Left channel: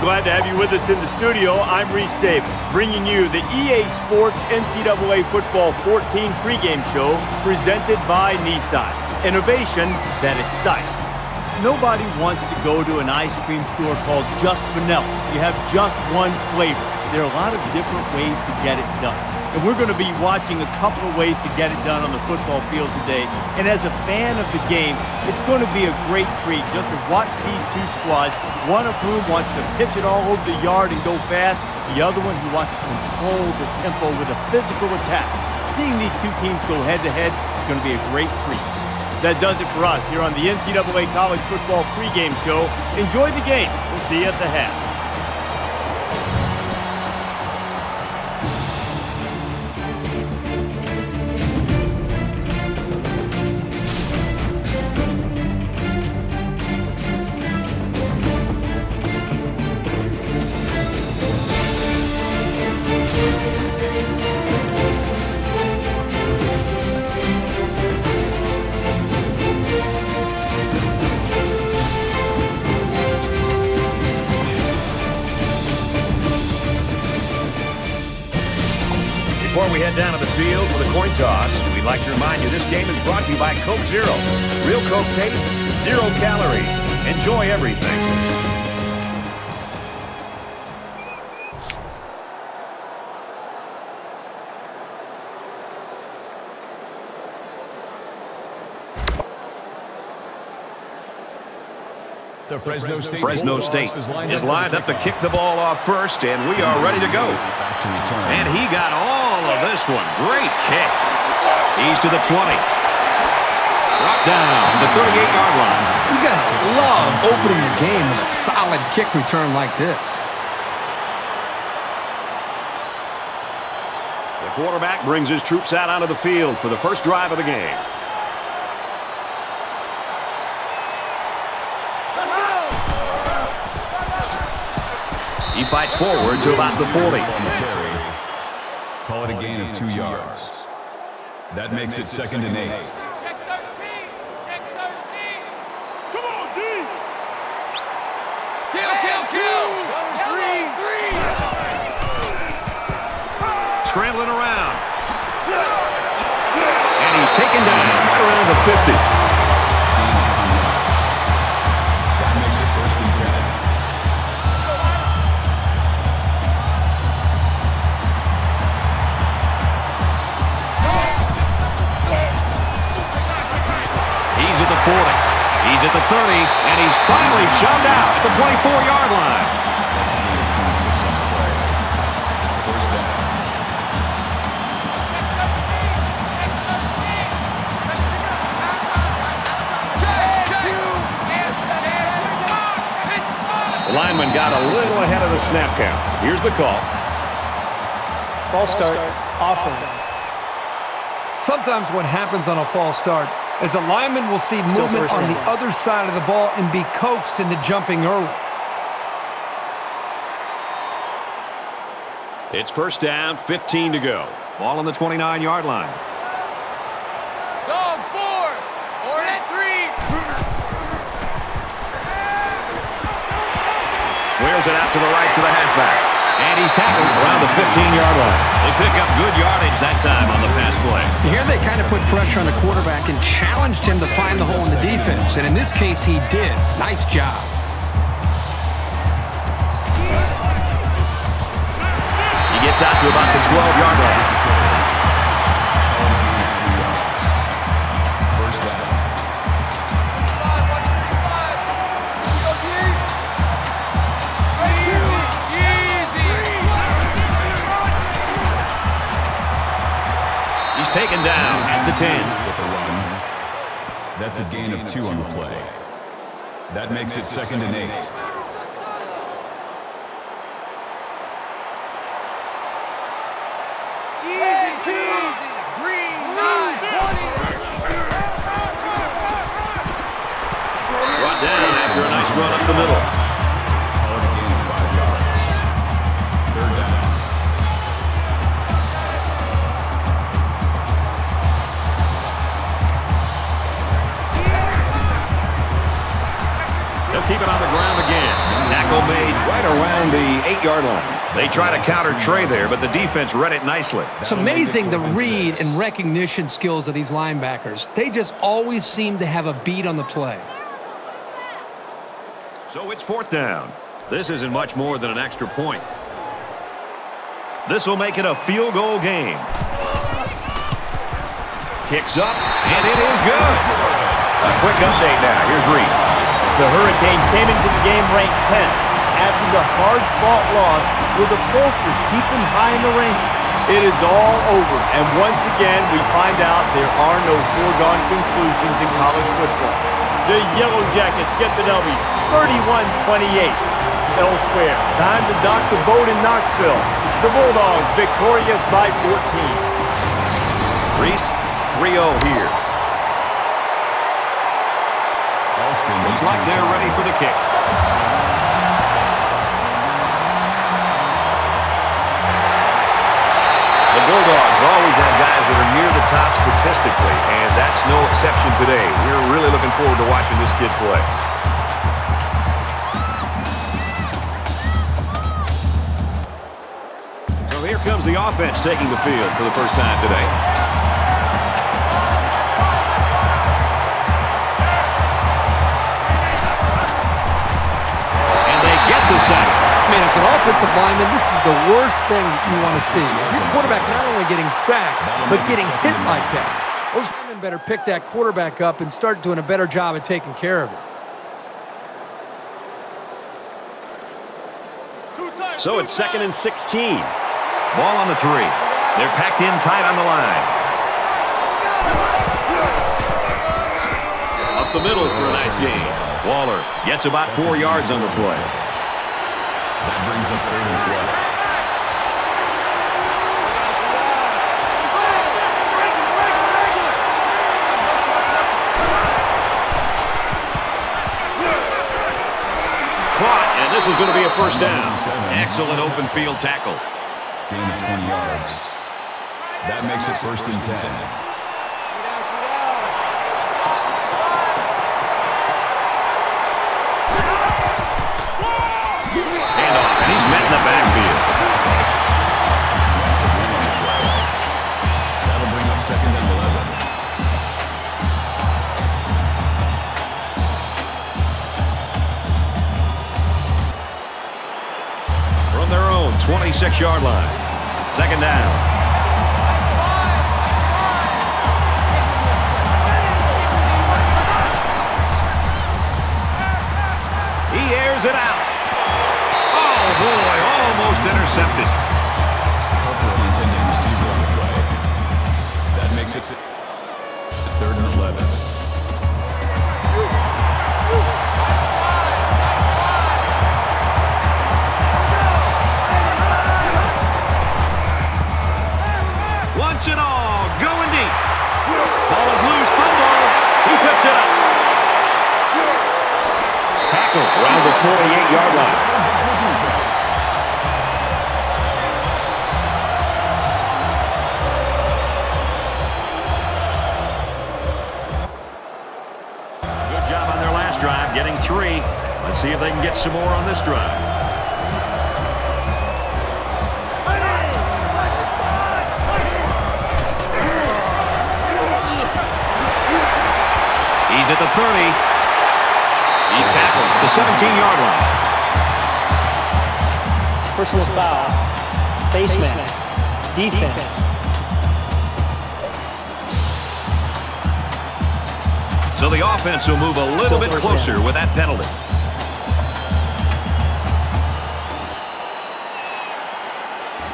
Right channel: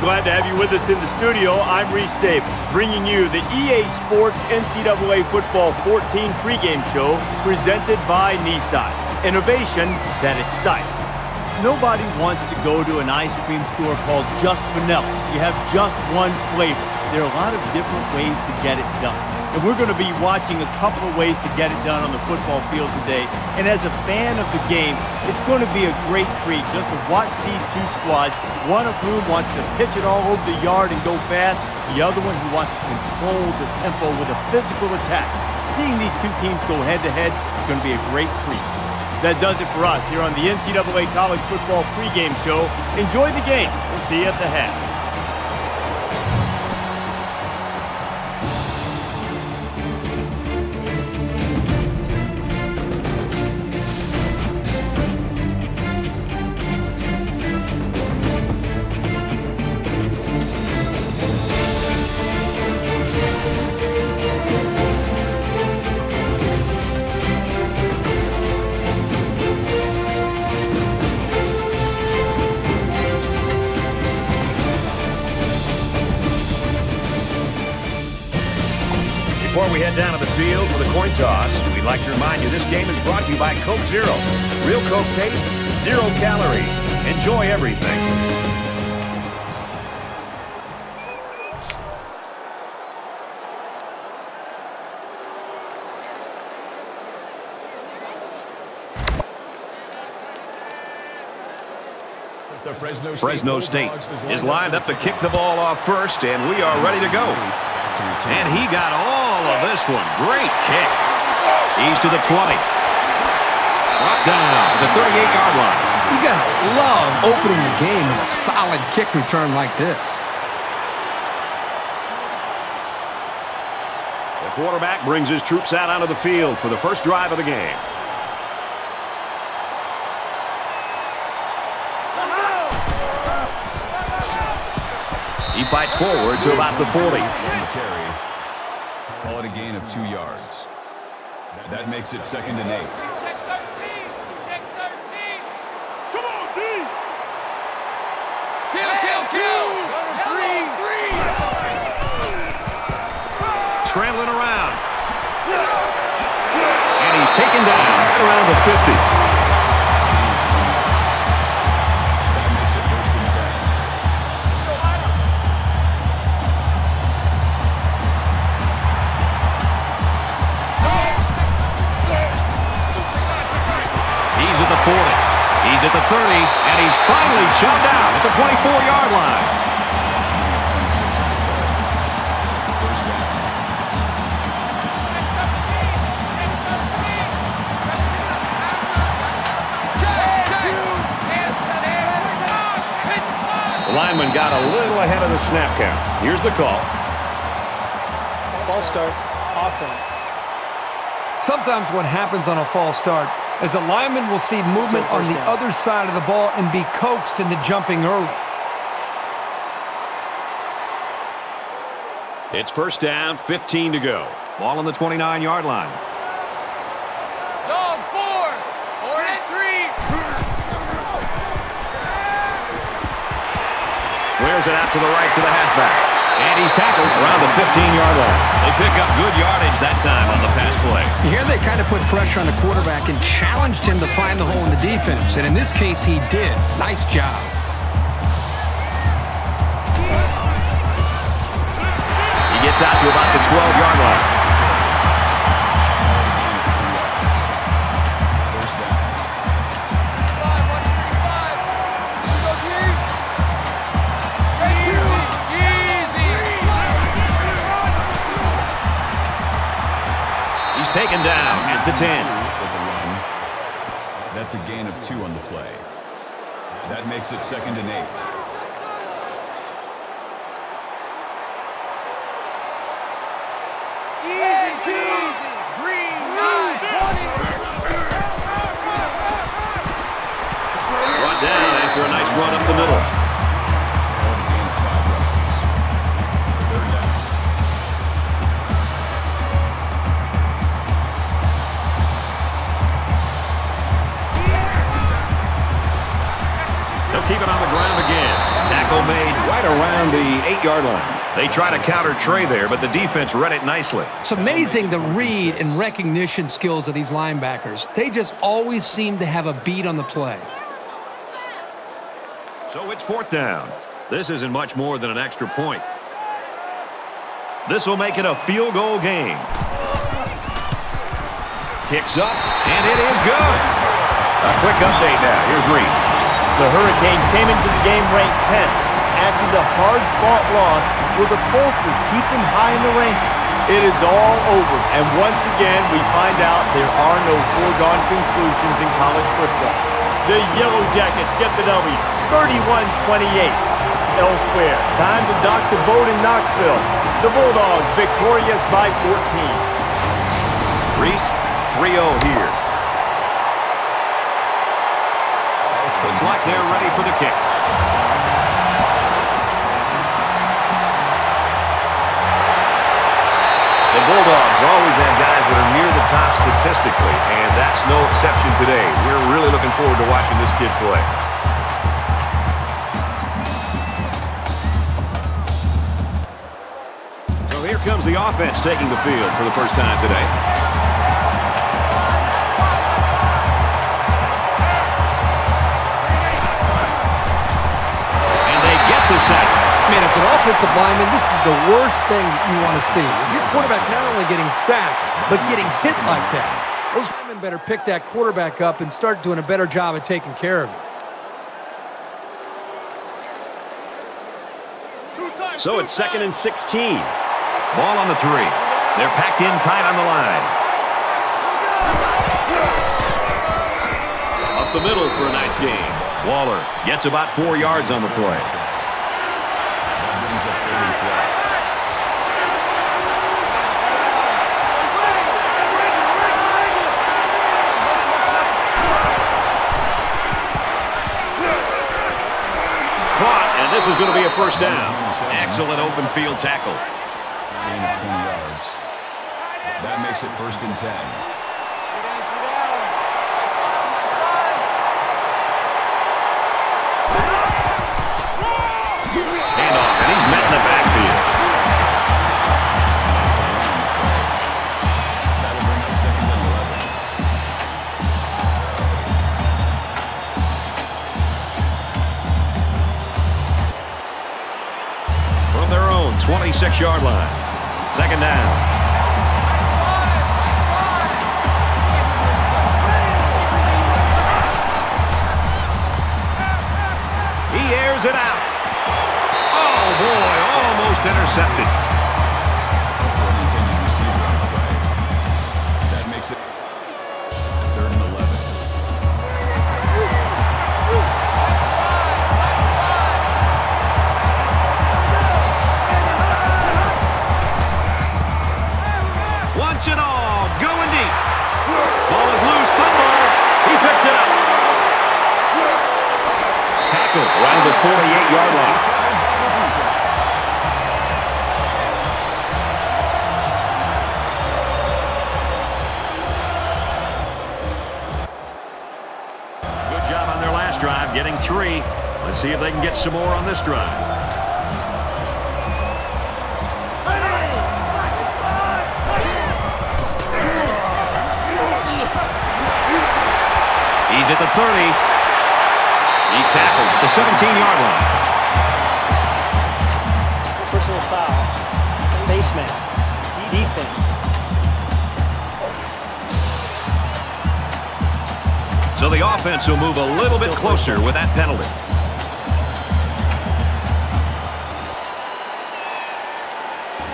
Glad to have you with us in the studio. I'm Reese Davis, bringing you the EA Sports NCAA Football 14 pregame show presented by Nissan. Innovation that excites. Nobody wants to go to an ice cream store called Just Vanilla. You have just one flavor. There are a lot of different ways to get it done. And we're going to be watching a couple of ways to get it done on the football field today. And as a fan of the game, it's going to be a great treat just to watch these two squads, one of whom wants to pitch it all over the yard and go fast, the other one who wants to control the tempo with a physical attack. Seeing these two teams go head-to-head is going to be a great treat. That does it for us here on the NCAA College Football pregame show. Enjoy the game. We'll see you at the half. Before we head down to the field for the coin toss, we'd like to remind you this game is brought to you by Coke Zero. Real Coke taste, 0 calories. Enjoy everything. The Fresno State is lined up to kick the ball off first, and we are ready to go. And he got all of this one. Great kick. He's to the 20. Brought down to the 38-yard line. You gotta love opening the game with a solid kick return like this. The quarterback brings his troops out onto the field for the first drive of the game. He fights forward to about the 40. Call it a gain of 2 yards. That makes it 2nd and 8. Check 13. Check 13. Come on, D. Kill. Three. Scrambling around. And he's taken down right around the 50. That makes it 1st and 10. He's at the 40. He's at the 30. And he's finally shoved out at the 24-yard line. The lineman got a little ahead of the snap count. Here's the call. False start, offense. Sometimes what happens on a false start is a lineman will see movement on the other side of the ball and be coaxed into jumping early. It's 1st down, 15 to go. Ball on the 29-yard line. Dog 4. Orange 3. Wears it out to the right to the halfback. And he's tackled around the 15-yard line. They pick up good yardage that time on the pass play. Here they kind of put pressure on the quarterback and challenged him to find the hole in the defense. And in this case, he did. Nice job. He gets out to about the 12-yard line. He's taken down at the 10. With a run. That's a gain of 2 on the play. That makes it 2nd and 8. Easy. Green 9. 20. Brought down after a nice run up the middle. keep it on the ground again. Tackle made right around the 8-yard line. They try to counter Trey there, but the defense read it nicely. It's amazing the read and recognition skills of these linebackers. They just always seem to have a beat on the play. So it's 4th down. This isn't much more than an extra point. This will make it a field goal game. Kicks up, and it is good. A quick update now. Here's Reese. The Hurricanes came into the game ranked 10th. After the hard-fought loss, will the pollsters keep them high in the rankings? It is all over, and once again, we find out there are no foregone conclusions in college football. The Yellow Jackets get the W, 31-28. Elsewhere, time to dock the boat in Knoxville. The Bulldogs victorious by 14. Reese, 3-0 here. Looks like they're ready for the kick. The Bulldogs always have guys that are near the top statistically, and that's no exception today. We're really looking forward to watching this kid play. So here comes the offense taking the field for the first time today. And they get the sack. Man, as an offensive lineman, this is the worst thing that you want to see. Is your quarterback not only getting sacked, but getting hit like that. Those linemen better pick that quarterback up and start doing a better job of taking care of him. So it's 2nd and 16. Ball on the 3. They're packed in tight on the line. Up the middle for a nice gain. Waller gets about 4 yards on the play. That brings up 3rd and 12. Caught, and this is going to be a first down. Excellent open field tackle. Gain of 20 yards. That makes it 1st and 10. Handoff, and he's met in the backfield. That'll bring up 2nd and 11. From their own 26-yard line. 2nd down. He airs it out. Oh, boy, almost intercepted. That makes it 3rd and 11. Wants it all. Going deep. Ball is loose. Fumble. He picks it up. Tackle around the 48-yard line. Good job on their last drive, getting 3. Let's see if they can get some more on this drive. He's at the 30. He's tackled at the 17-yard line. Personal foul. Face mask. Defense. So the offense will move a little bit closer with that penalty.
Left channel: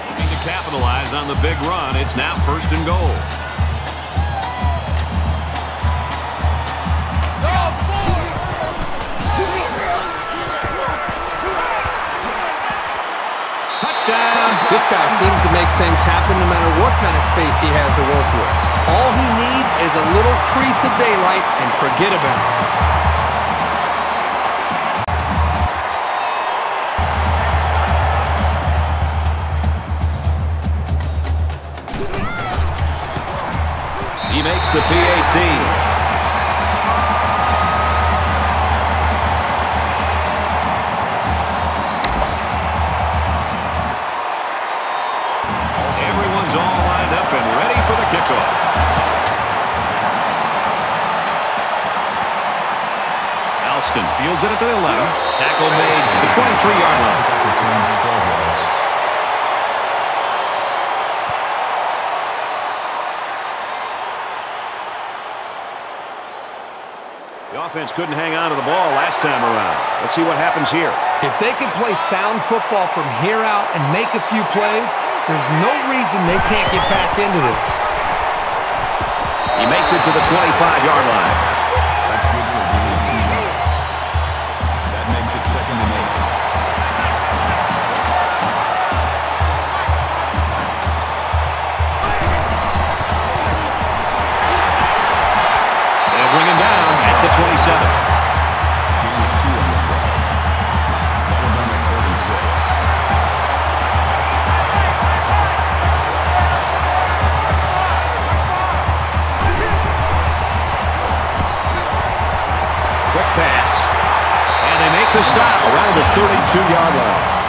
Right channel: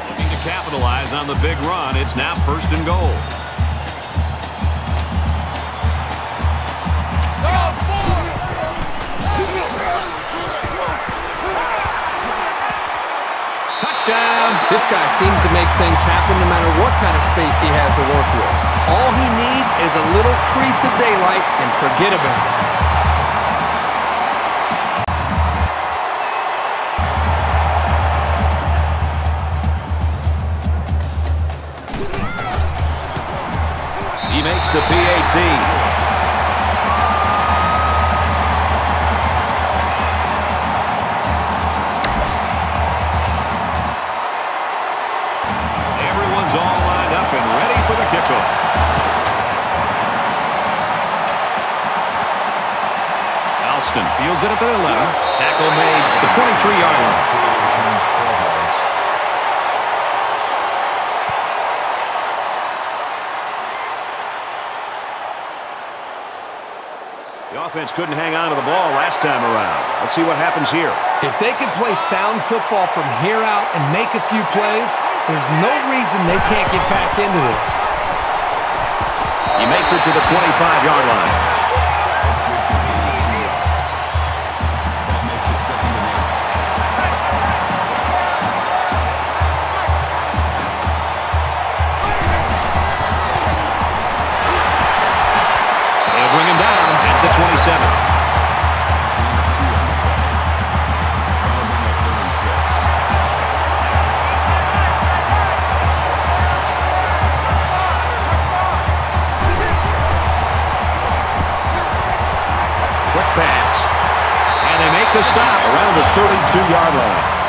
Looking to capitalize on the big run. It's now 1st and goal. Touchdown. This guy seems to make things happen no matter what kind of space he has to work with. All he needs is a little crease of daylight and forget about it. He makes the PAT. kickoff. Alston fields it at the 11. Tackle made at the 23-yard line. The offense couldn't hang on to the ball last time around. Let's see what happens here. If they can play sound football from here out and make a few plays, there's no reason they can't get back into this. He makes it to the 25-yard line. That's good for a gain of 2 yards. That makes it 2nd and 8. They'll bring him down at the 27. Quick pass. And they make the stop around the 32-yard line.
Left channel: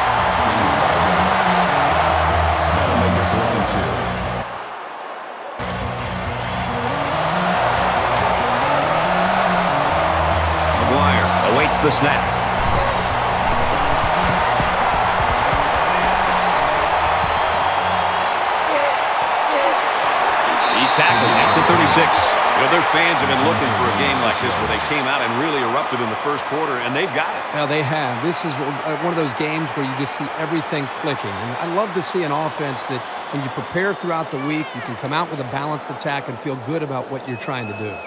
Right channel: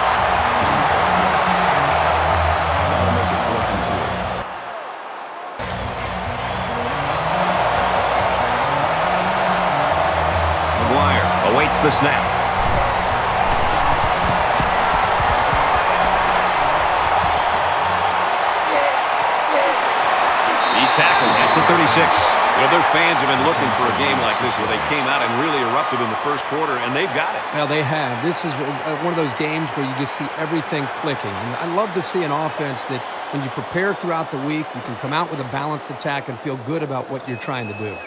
Awaits the snap. He's tackled at the 36. You know, their fans have been looking for a game like this where they came out and really erupted in the first quarter, and they've got it. Now, they have. This is one of those games where you just see everything clicking. And I love to see an offense that when you prepare throughout the week, you can come out with a balanced attack and feel good about what you're trying to do.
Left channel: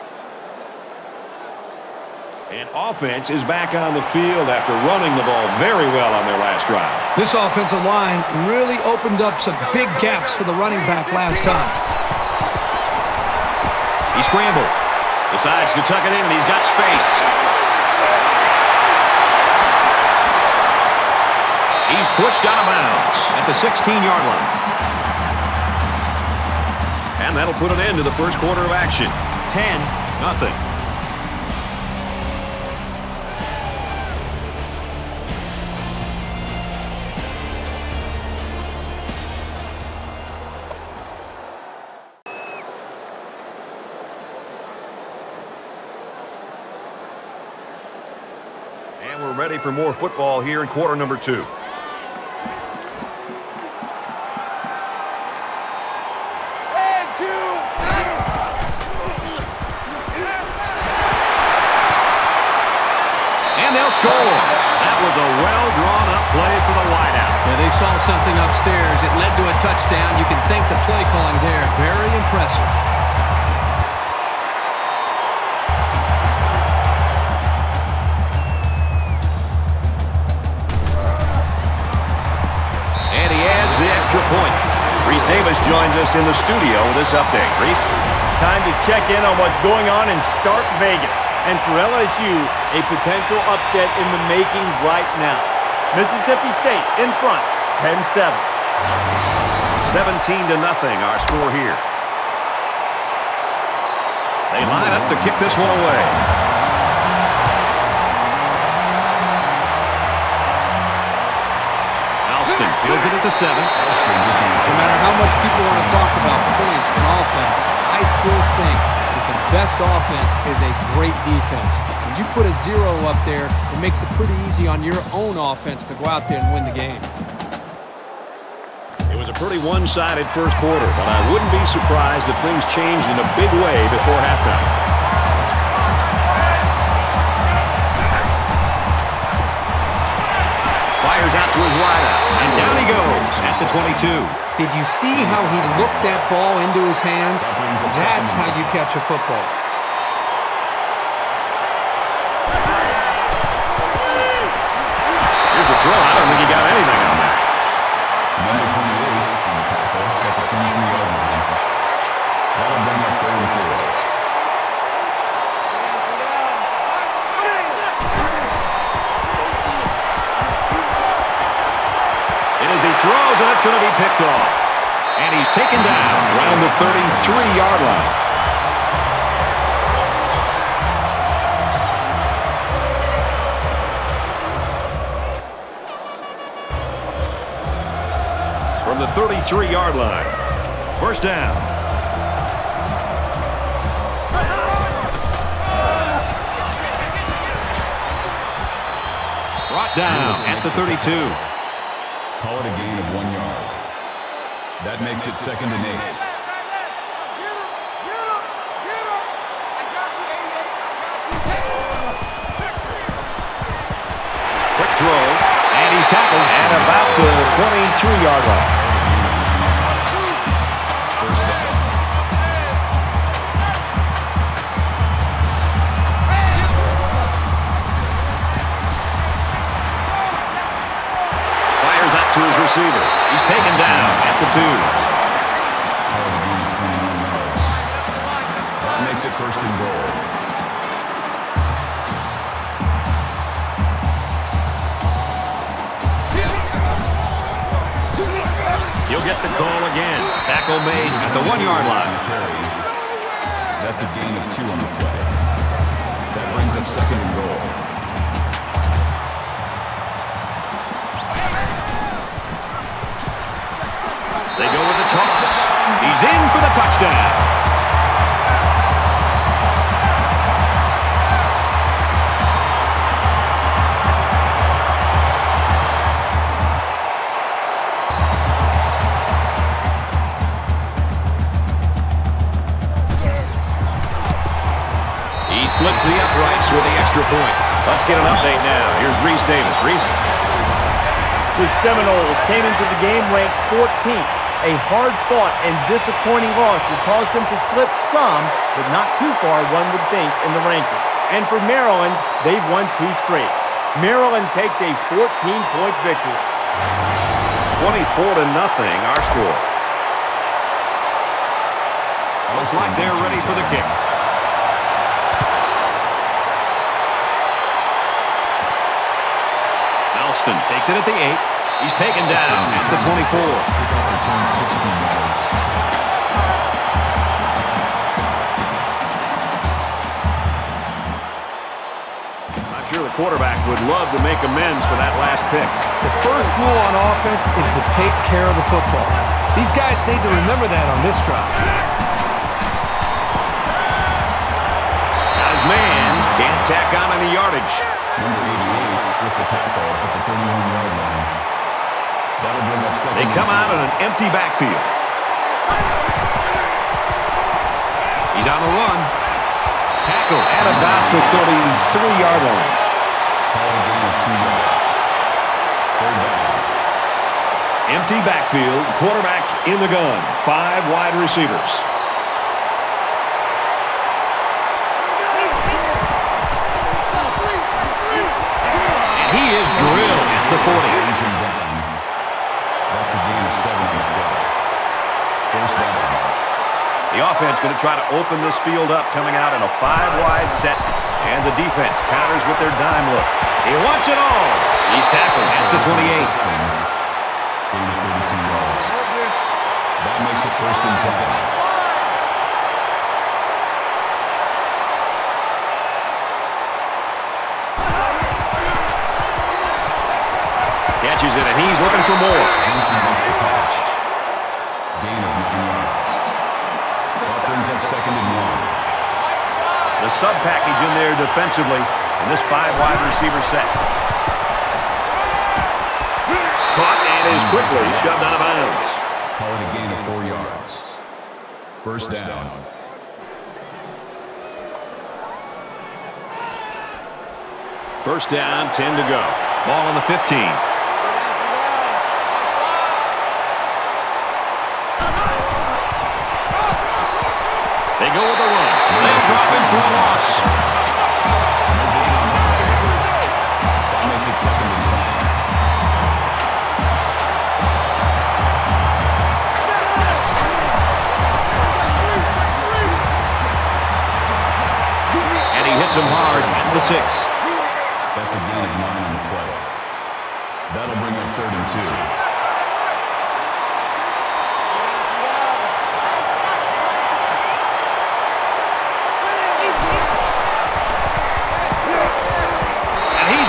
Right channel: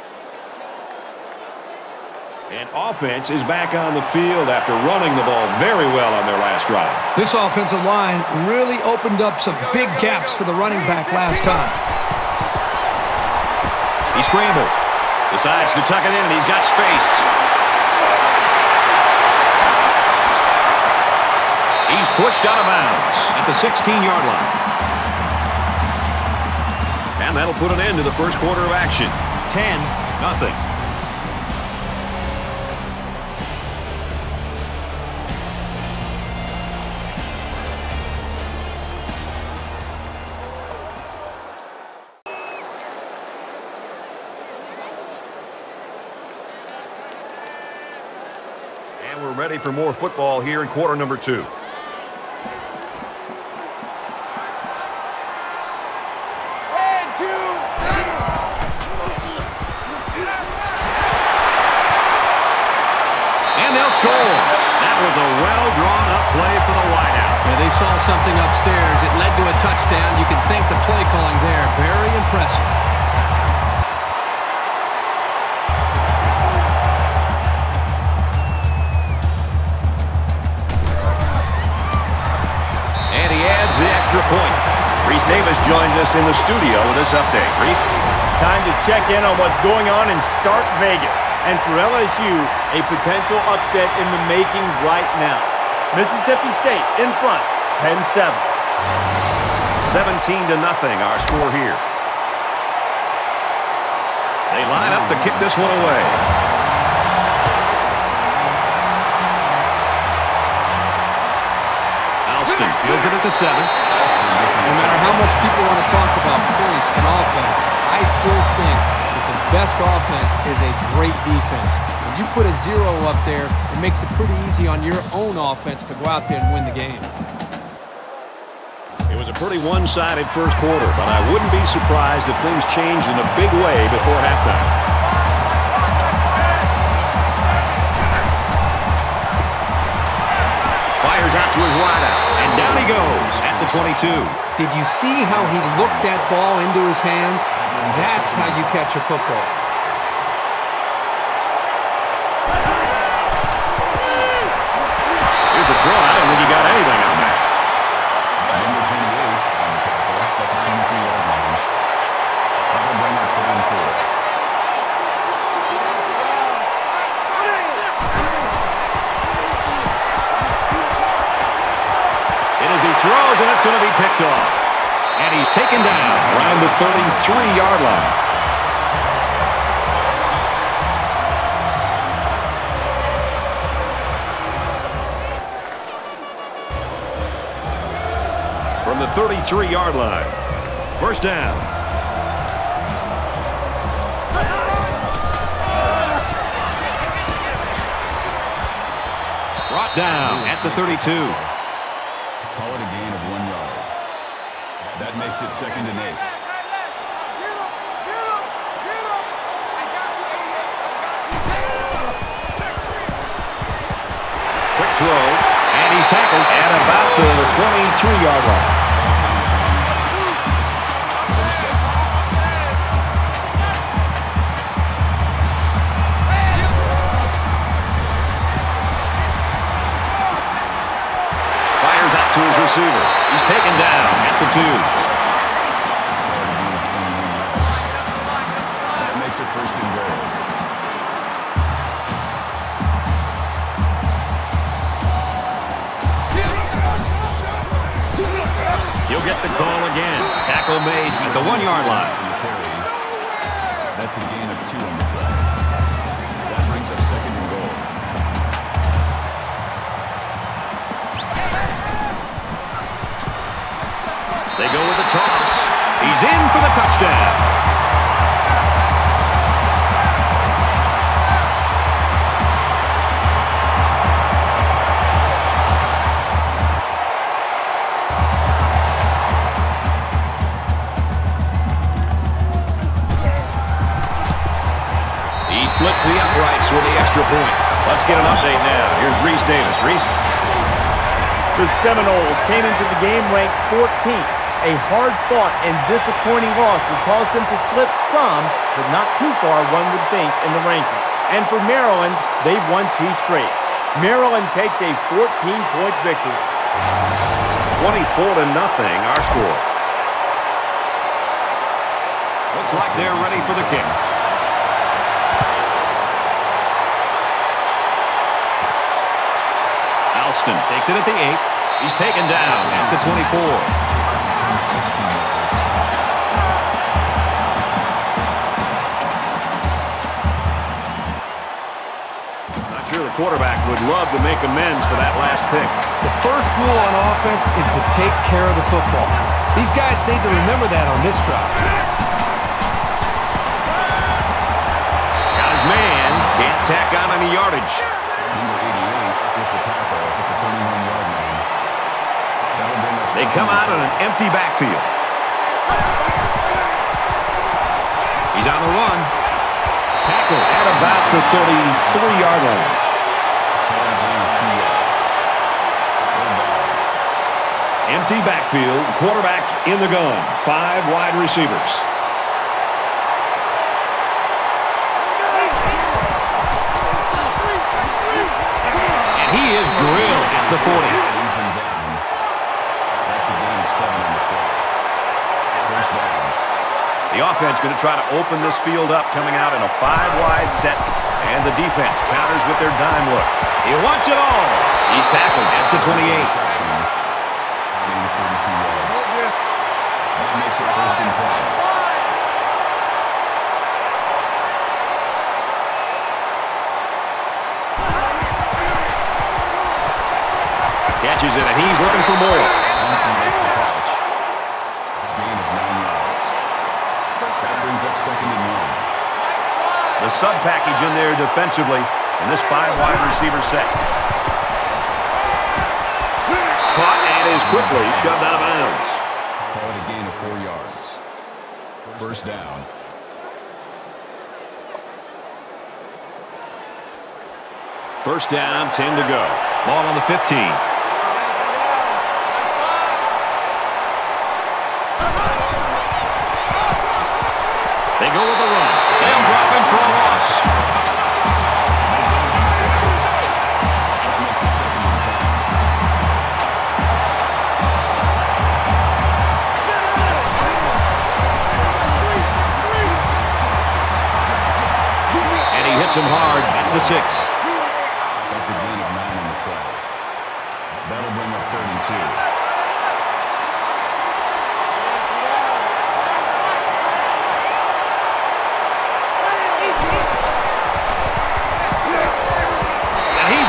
And offense is back on the field after running the ball very well on their last drive. This offensive line really opened up some big gaps for the running back last time. He scrambles, decides to tuck it in, and he's got space. He's pushed out of bounds at the 16-yard line. And that'll put an end to the first quarter of action. 10-0. And we're ready for more football here in quarter number 2. And they'll score. That was a well-drawn-up play for the wideout. Yeah, they saw something upstairs. It led to a touchdown. You can thank the play calling there. Very impressive. And he adds the extra point. Reese Davis joins us in the studio with this update. Reese? Time to check in on what's going on in Start Vegas. And for LSU, a potential upset in the making right now. Mississippi State in front, 10-7. 17-0 our score here. They line up to kick this one away. Alston fields it at the 7. No matter how much people want to talk about points and offense, I still think that the best offense is a great defense. When you put a 0 up there, it makes it pretty easy on your own offense to go out there and win the game. It was a pretty one-sided first quarter, but I wouldn't be surprised if things changed in a big way before halftime. Fires out to his wideout, and down he goes at the 22. Did you see how he looked that ball into his hands? That's how you catch a football. Here's the throw, and I don't think he got anything on that. Number 28 on the tackle. He's got the 23-yard line. That'll bring up 3rd and 4. As he throws, and it's going to be picked off. And he's taken down around the 33-yard line. From the 33-yard line. First down. brought down at the 32. Call it a gain of 1 yard. That makes it 2nd and 8. Get him. I got you, 88. I got you. Quick throw, and he's tackled at about the 23-yard line. Fires out to his receiver. He's taken down at the 2. That makes it 1st and goal. He'll get the call again. Tackle made at the 1-yard line. That's a gain of 2 on the play. That brings up 2nd and goal. They go with the toss. He's in for the touchdown. He splits the uprights with the extra point. Let's get an update now. Here's Reese Davis. Reese. The Seminoles came into the game ranked 14th. A hard-fought and disappointing loss will cause them to slip some, but not too far, one would think, in the rankings. And for Maryland, they've won 2 straight. Maryland takes a 14-point victory. 24-0, our score. Looks like they're ready for the kick. Alston takes it at the 8. He's taken down at the 24. Not sure the quarterback would love to make amends for that last pick. The first rule on offense is to take care of the football. These guys need to remember that on this drive. Got his man. Can't tack on any yardage. Number 88 with the tackle at the 31-yard line. That'll bring up 2nd. They come out in an empty backfield. He's on the run. Tackle at about the 33-yard line. Call it a gain of 2 yards. 3rd down. Empty backfield. Quarterback in the gun. 5 wide receivers. And he is drilled at the 40. That's a gain of 7 on the play. 1st down. The offense going to try to open this field up, coming out in a 5-wide set, and the defense counters with their dime look. He wants it all. He's tackled at the 28. Gain of 32 yards. That makes it 1st and 10. Catches it, and he's looking for more. Johnson makes the catch. Gain of 9 yards. That brings up 2nd and 1. The sub package in there defensively in this 5-wide receiver set. Caught and is quickly shoved out of bounds. Call it a gain of 4 yards. 1st down. First down, 10 to go. Ball on the 15. They go with the run. They'll drop him for a loss. Makes it 2nd and 10. And he hits him hard at the 6. That's a gain of 9 on the play. That'll bring up 3rd and 2.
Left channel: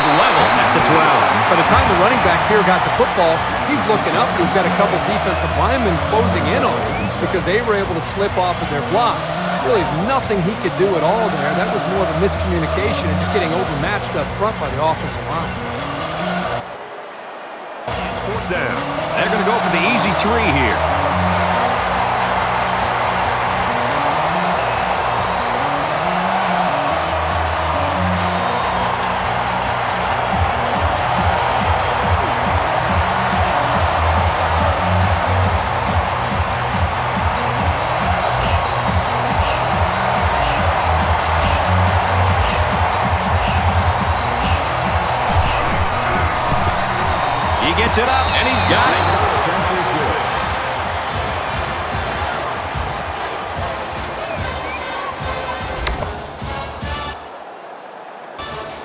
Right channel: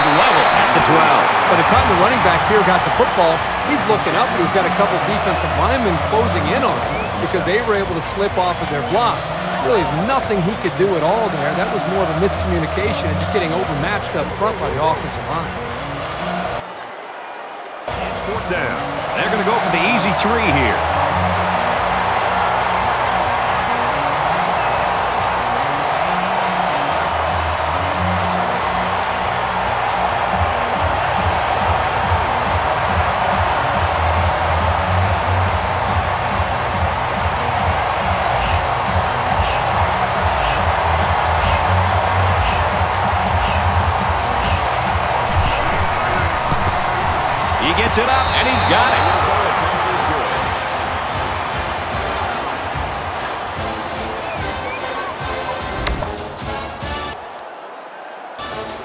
Level at the 12. By the time the running back here got the football, he's looking up. He's got a couple defensive linemen closing in on him because they were able to slip off of their blocks. Really, there's nothing he could do at all there. That was more of a miscommunication and just getting overmatched up front by the offensive line. touchdown. They're going to go for the easy 3 here. He gets it up, and he's got it.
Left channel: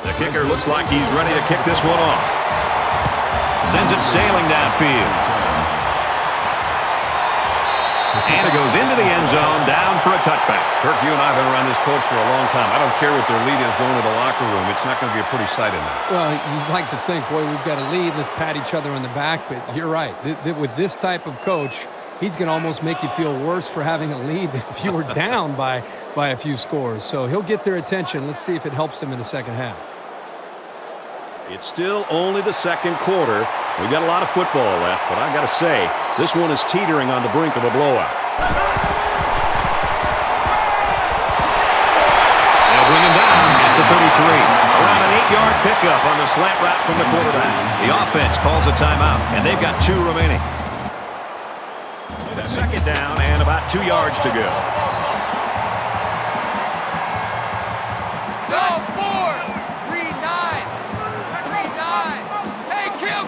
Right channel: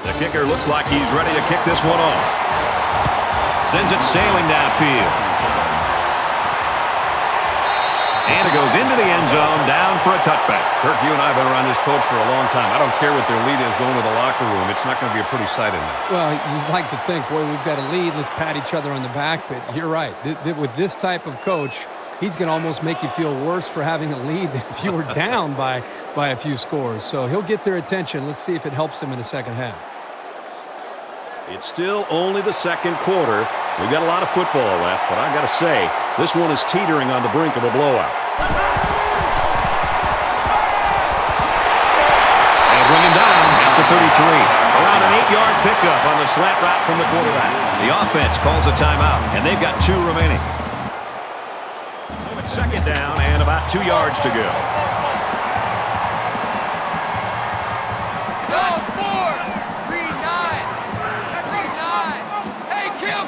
The kicker looks like he's ready to kick this one off. Sends it sailing downfield. And it goes into the end zone, down for a touchback. Kirk, you and I have been around this coach for a long time. I don't care what their lead is going to the locker room. It's not going to be a pretty sight in there. Well, you'd like to think, boy, we've got a lead. Let's pat each other on the back. But you're right. With this type of coach, he's going to almost make you feel worse for having a lead than if you were down by a few scores. So he'll get their attention. Let's see if it helps them in the second half. It's still only the second quarter. We've got a lot of football left, but I got to say, this one is teetering on the brink of a blowout. They'll bring him down at the 33. Around an 8-yard pickup on the slant route from the quarterback. The offense calls a timeout, and they've got 2 remaining. So it's second down and about 2 yards to go. Dog 4, 3-9, 3-9. Hey, kill.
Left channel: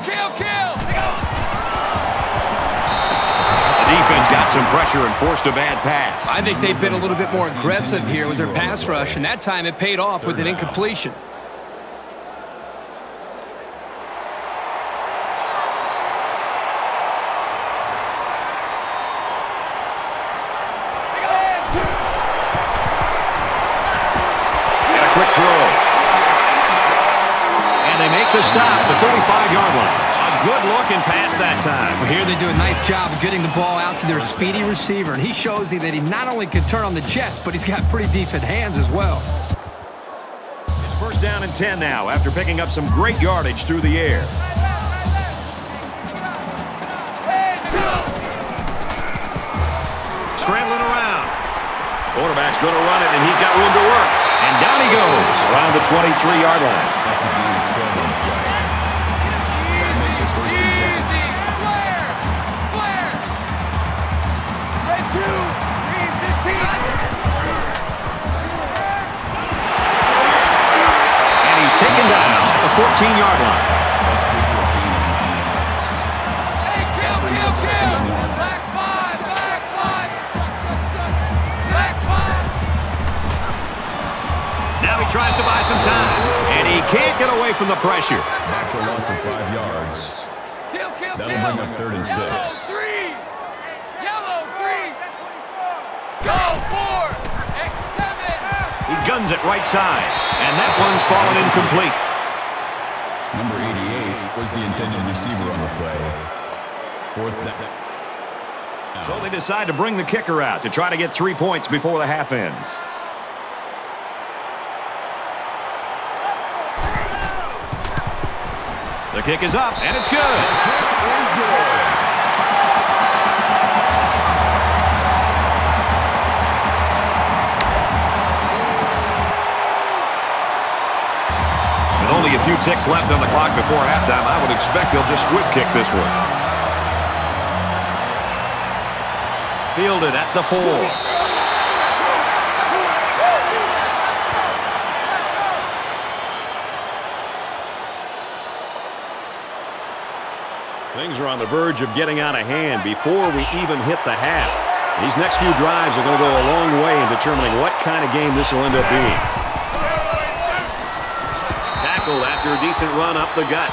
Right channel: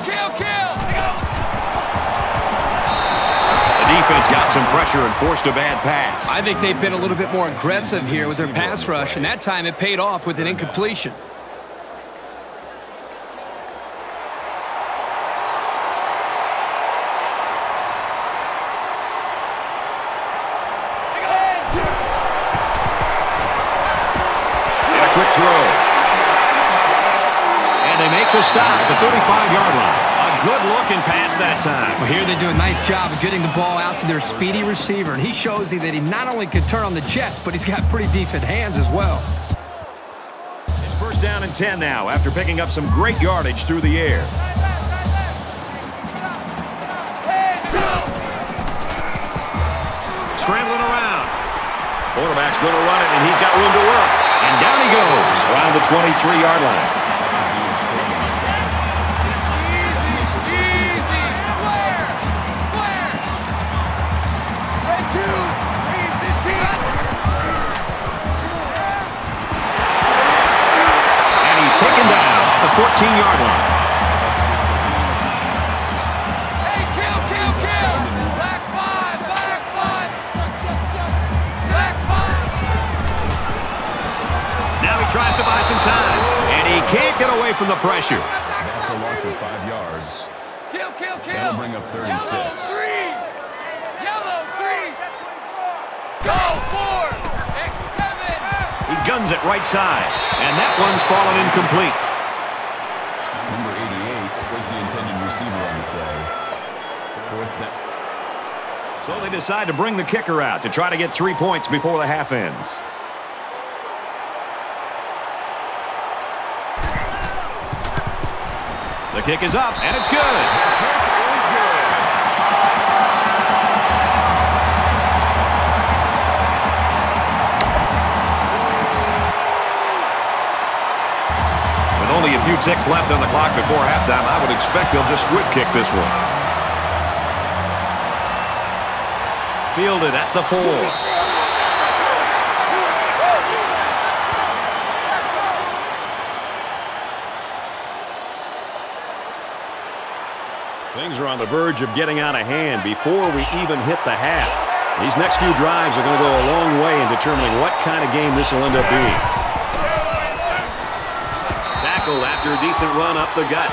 The defense got some pressure and forced a bad pass. I think they've been a little bit more aggressive here with their pass rush, and that time it paid off with an incompletion. And a quick throw. And they make the stop at the 35-yard line. A good looking pass that time. Well, here they do a nice job of getting the ball out to their speedy receiver, and he shows you that he not only can turn on the jets, but he's got pretty decent hands as well. It's first down and 10 now after picking up some great yardage through the air. Scrambling around. Quarterback's going to run it, and he's got room to work. And down he goes around the 23-yard line. And he's taken down at the 14-yard line. Hey, kill. Black 5. Black 5. Now he tries to buy some time, and he can't get away from the pressure. That's a loss of 5 yards. Kill. That'll bring up 3rd and 6. Yellow 3. Go 4. X7. He guns it right side, and that one's fallen incomplete. Number 88 was the intended receiver on the play. 4th down. So they decide to bring the kicker out to try to get 3 points before the half ends. The kick is up, and it's good. With only a few ticks left on the clock before halftime, I would expect they'll just squib kick this one. Fielded at the 4. Things are on the verge of getting out of hand before we even hit the half. These next few drives are going to go a long way in determining what kind of game this will end up being. Tackled after a decent run up the gut.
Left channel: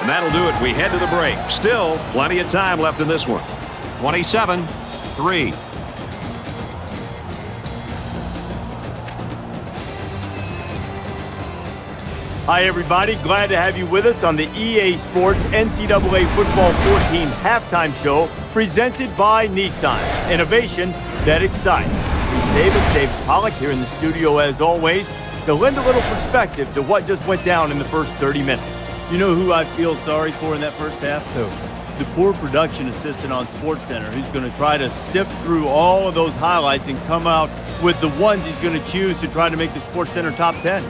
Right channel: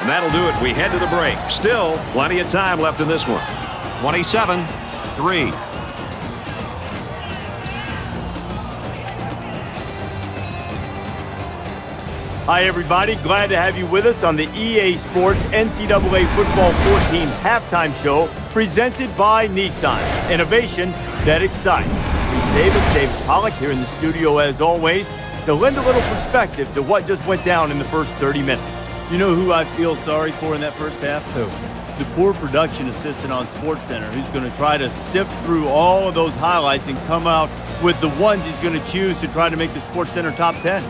And that'll do it. We head to the break. Still plenty of time left in this one. 27-3. Hi, everybody. Glad to have you with us on the EA Sports NCAA Football 14 halftime show presented by Nissan. Innovation that excites. David Pollock here in the studio as always to lend a little perspective to what just went down in the first 30 minutes. You know who I feel sorry for in that first half? Who? The poor production assistant on SportsCenter, who's going to try to sift through all of those highlights and come out with the ones he's going to choose to try to make the SportsCenter top 10.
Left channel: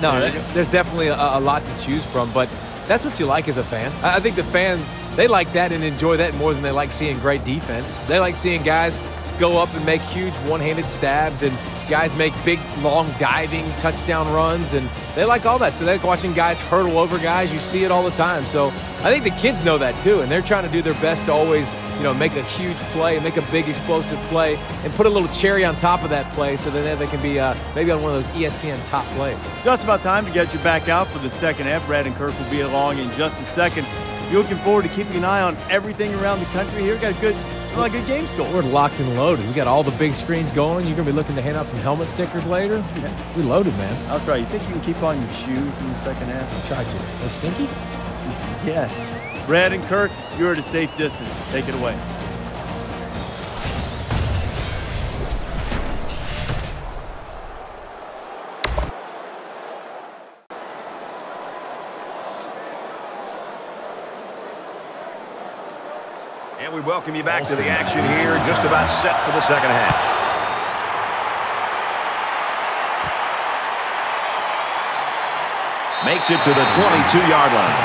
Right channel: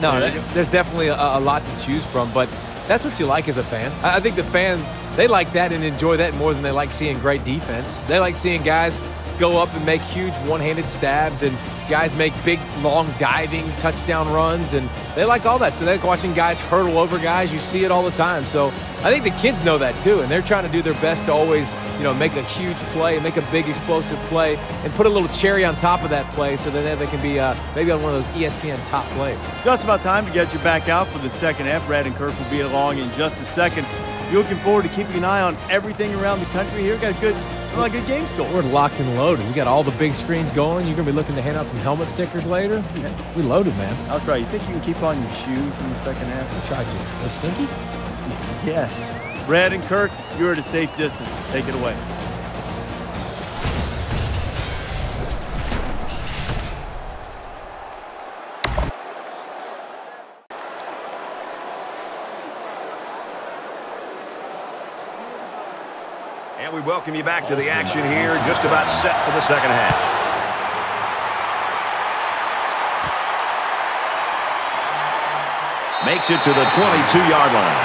No, there's definitely a lot to choose from, but that's what you like as a fan. I think the fans, they like that and enjoy that more than they like seeing great defense. They like seeing guys go up and make huge one-handed stabs and guys make big, long diving touchdown runs, and they like all that. So they like watching guys hurdle over guys. You see it all the time. So I think the kids know that too, and they're trying to do their best to always, make a huge play, make a big explosive play, and put a little cherry on top of that play so that they can be maybe on one of those ESPN top plays. Just about time to get you back out for the second half. Brad and Kirk will be along in just a second. You're looking forward to keeping an eye on everything around the country here. Got a good games going. We're locked and loaded. We got all the big screens going. You're going to be looking to hand out some helmet stickers later. Yeah. We loaded, man. I'll try. You think you can keep on your shoes in the second half? I tried to. Was stinky? Yes. Brad and Kirk, you're at a safe distance. Take it away. And we welcome you back to the action here, just about set for the second half. Makes it to the 22-yard line.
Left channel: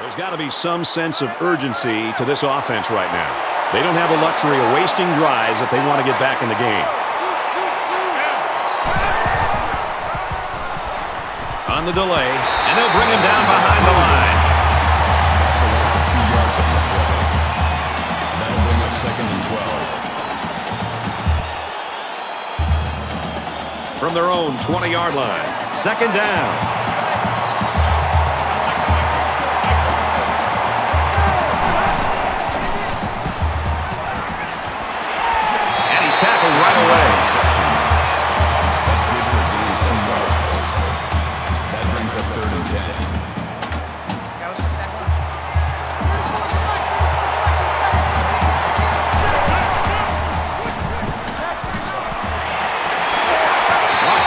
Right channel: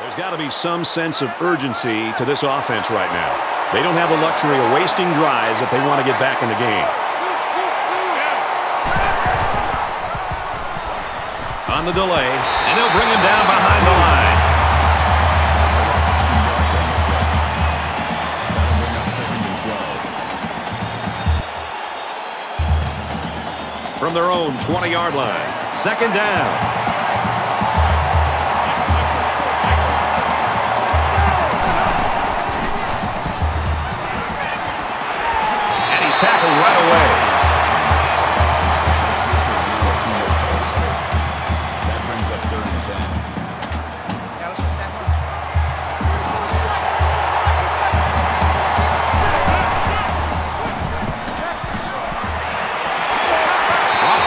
There's got to be some sense of urgency to this offense right now. They don't have the luxury of wasting drives if they want to get back in the game. On the delay, and they'll bring him down behind the line. From their own 20-yard line, second down. And he's tackled right away.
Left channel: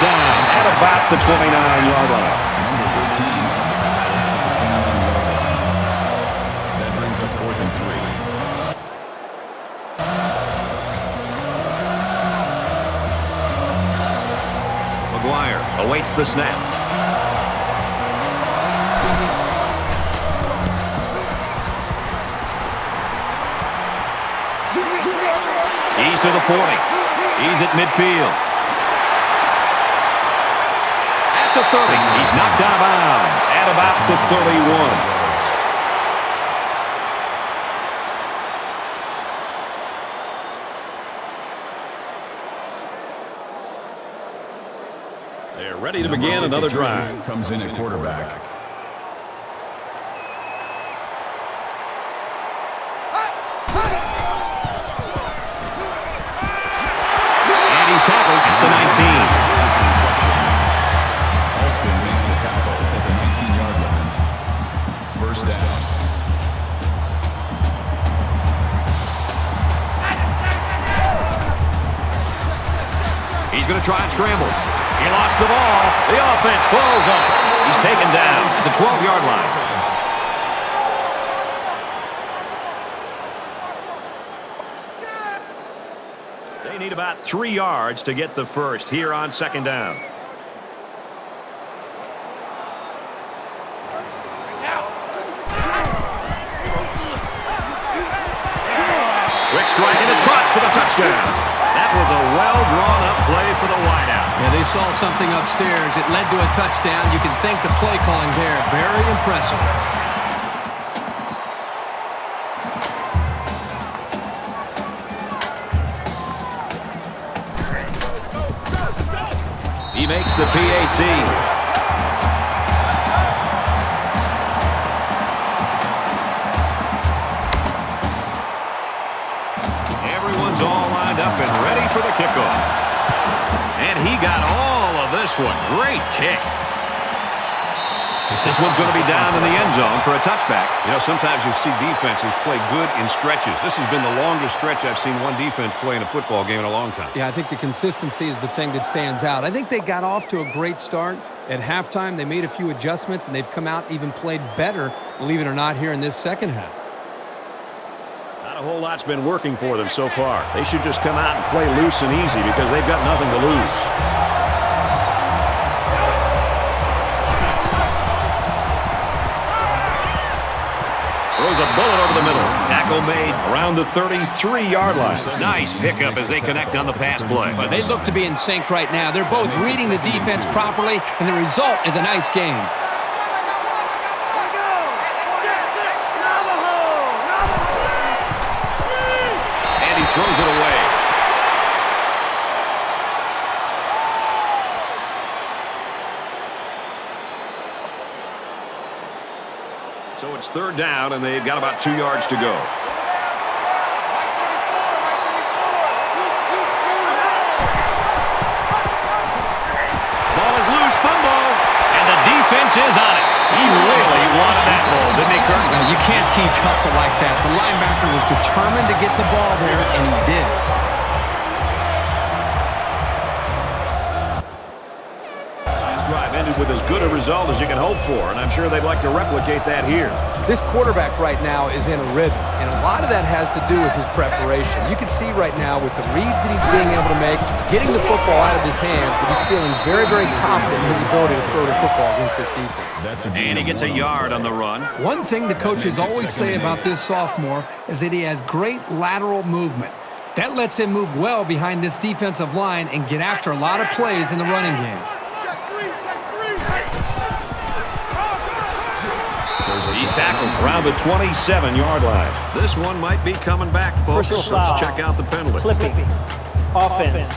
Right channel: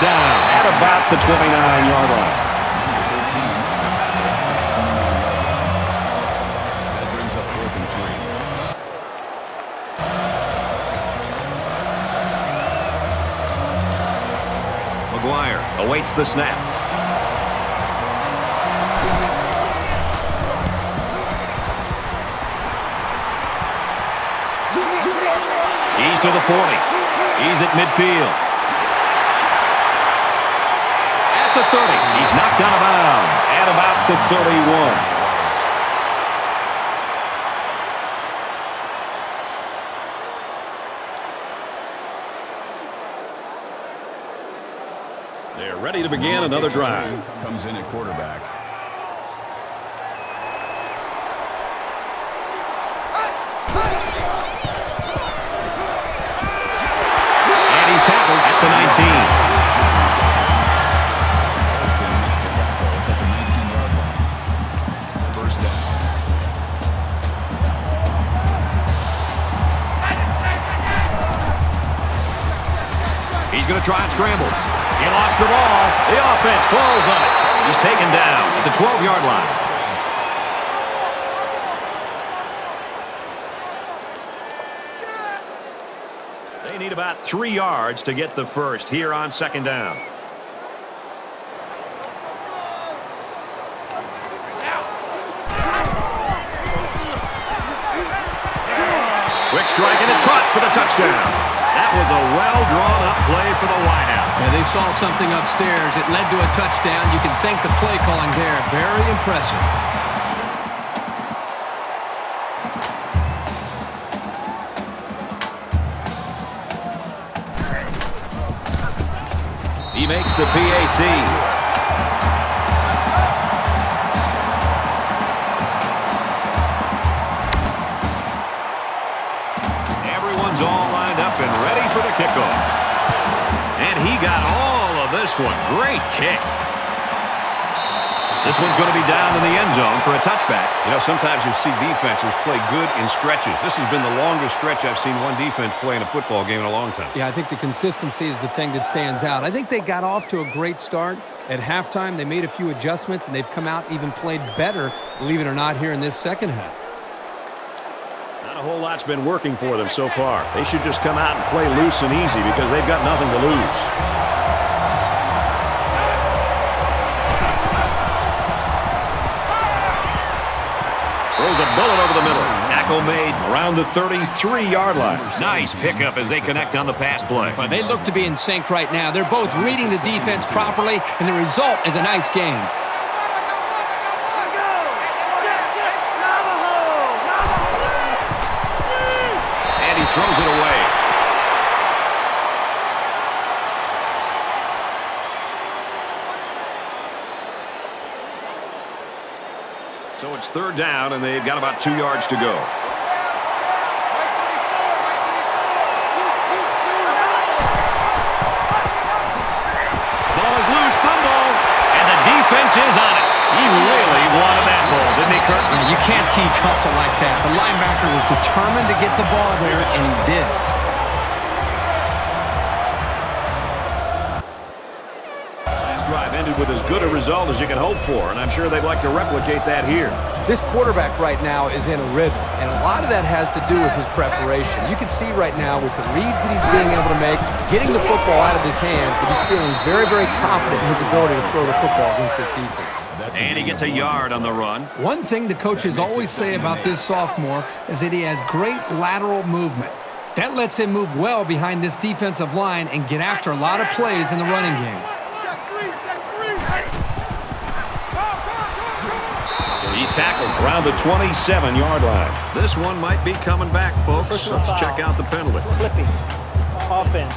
Down at about the 29-yard line. McGuire awaits the snap. He's to the 40. He's at midfield. The 30. He's knocked out of bounds at about the 31. They're ready to begin another drive. Comes in at quarterback. And he's tackled at the 19. He's going to try and scramble. He lost the ball. The offense falls on it. He's taken down at the 12-yard line. They need about 3 yards to get the first here on second down. Quick strike, and it's caught for the touchdown. That was a well-drawn-up play for the wideout. Yeah, they saw something upstairs. It led to a touchdown. You can thank the play calling there. Very impressive. He makes the PAT. Everyone's all lined up and ready for the kickoff. And he got all of this one. Great kick. The This one's going to be down in the end zone for a touchback. You know, sometimes you see defenses play good in stretches. This has been the longest stretch I've seen one defense play in a football game in a long time. Yeah, I think the consistency is the thing that stands out. I think they got off to a great start. At halftime, they made a few adjustments, and they've come out and even played better, believe it or not, here in this second half. Not a whole lot's been working for them so far. They should just come out and play loose and easy because they've got nothing to lose. Throws a bullet over the middle. Tackle made Around the 33-yard line. Nice pickup as they connect on the pass play. But they look to be in sync right now. They're both reading the defense properly, and the result is a nice game. And he throws it away. So it's third down, and they've got about 2 yards to go. Ball is loose, fumble, and the defense is on it. He really wanted that ball, didn't he, Kurt? You can't teach hustle like that. The linebacker was determined to get the ball there, and he did. Last drive ended with as good a result as you can hope for, and I'm sure they'd like to replicate that here. This quarterback right now is in a rhythm, and a lot of that has to do with his preparation. You can see right now with the reads that he's being able to make, getting the football out of his hands, that he's feeling very, very confident in his ability to throw the football against this defense. And he gets a yard on the run. One thing the coaches always say about this sophomore is that he has great lateral movement. That lets him move well behind this defensive line and get after a lot of plays in the running game. He's tackled Around the 27-yard line. This one might be coming back, folks. Personal Let's foul. check out the penalty. Clipping. Offense.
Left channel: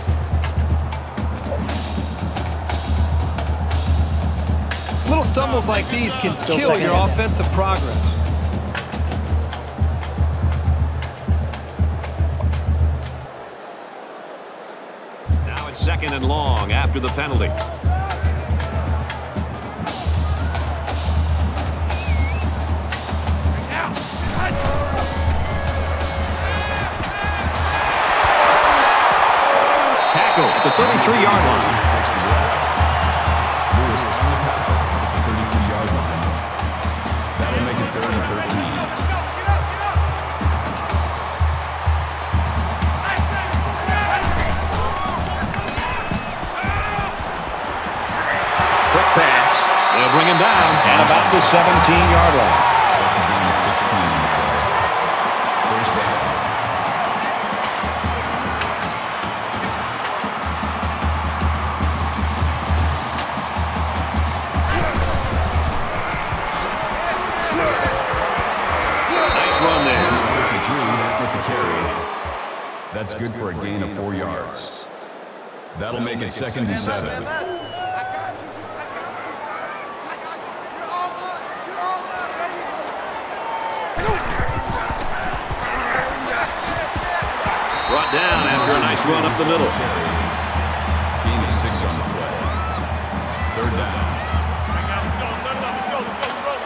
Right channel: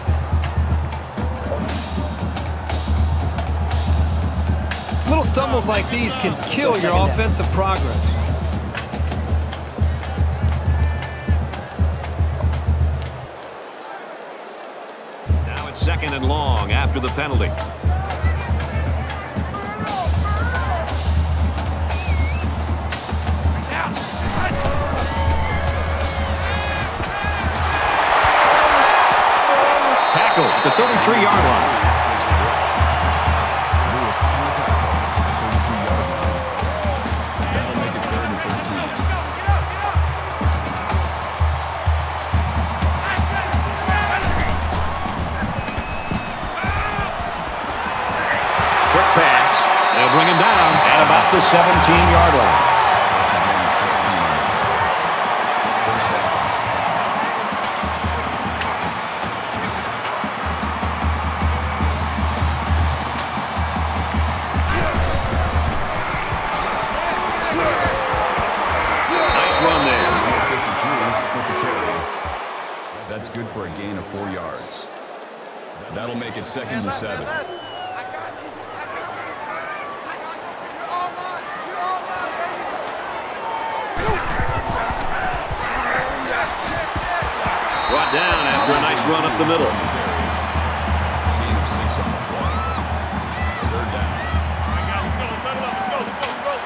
Little stumbles like these can kill your offensive progress. Now it's second and long after the penalty. Tackle at the 33-yard line. Quick pass. They'll bring him down At about the 17-yard line. That's good for a gain of 4 yards. That'll make it 2nd and 7. I got you. I got you, son. I got you. You're all mine. You're all mine, baby. Brought down after a nice run up the middle. Gain of 6 on the play. Third down. All right, guys, let's go. Let's settle up. Let's go. Let's go. Let's roll.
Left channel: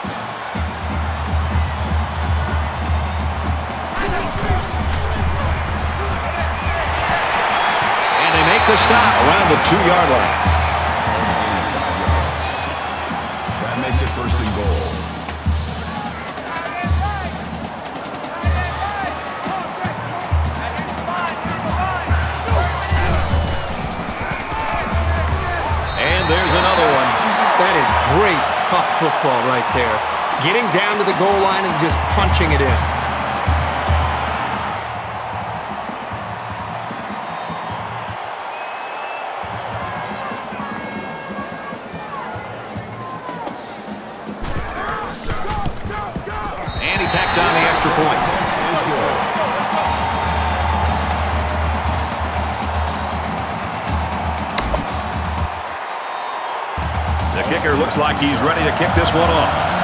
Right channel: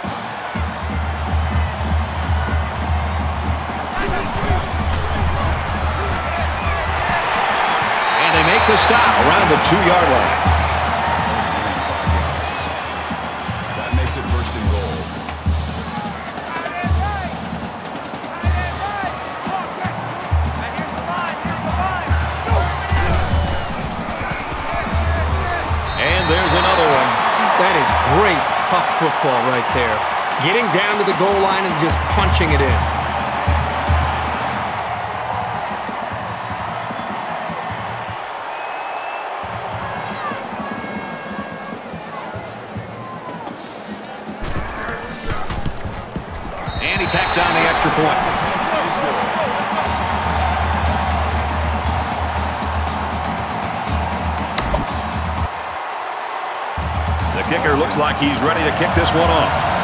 And they make the stop Around the 2-yard line. That makes it 1st and goal. Tight end right. Tight end right. Oh, great. Now here's the line. Here's the line. Go. And there's another one. That is great, tough football right there. Getting down to the goal line and just punching it in. And he tacks on the extra point. The kicker looks like he's ready to kick this one off.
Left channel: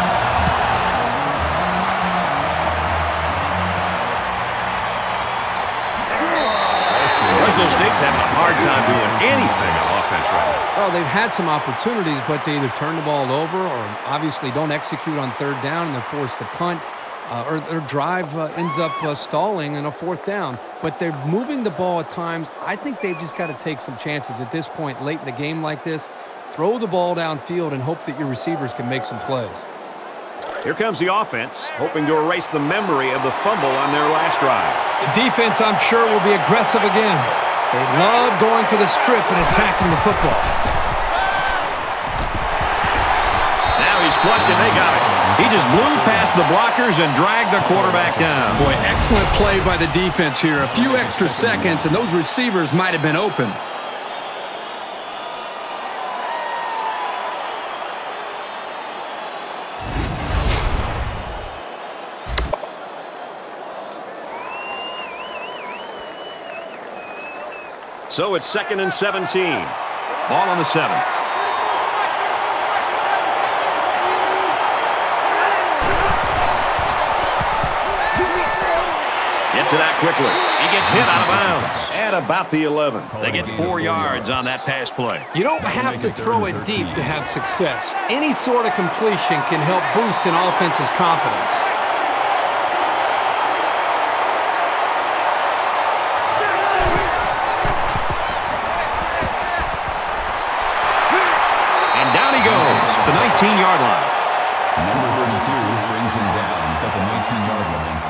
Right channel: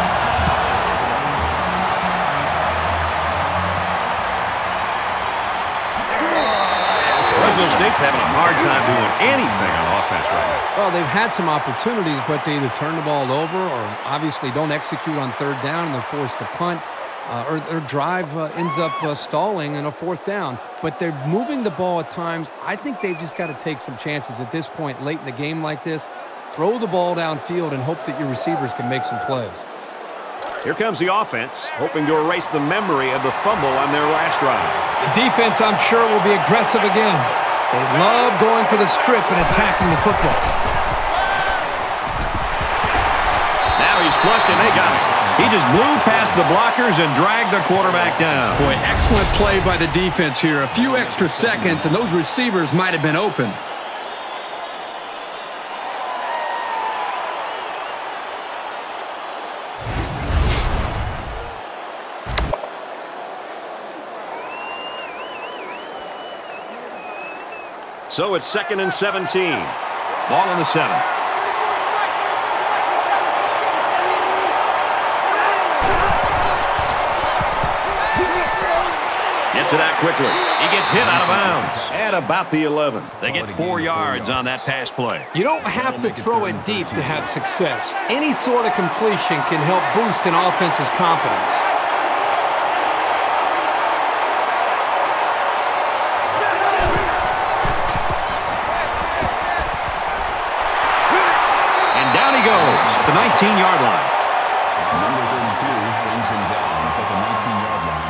Fresno State's having a hard time doing anything on offense right now. Well, they've had some opportunities, but they either turn the ball over or obviously don't execute on third down and they're forced to punt. Or their drive ends up stalling in a fourth down. But they're moving the ball at times. I think they've just got to take some chances at this point late in the game like this. Throw the ball downfield and hope that your receivers can make some plays. Here comes the offense, hoping to erase the memory of the fumble on their last drive. The defense, I'm sure, will be aggressive again. They love going for the strip and attacking the football. Now he's flushed and they got it. He just blew past the blockers and dragged the quarterback down. Boy, excellent play by the defense here. A few extra seconds and those receivers might have been open. So it's 2nd and 17. Ball on the 7. Gets it out quickly. He gets hit out of bounds at about the 11. They get 4 yards on that pass play. You don't have to throw it deep to have success. Any sort of completion can help boost an offense's confidence. And down he goes at the 19-yard line. Number 32 brings him down at the 19-yard line.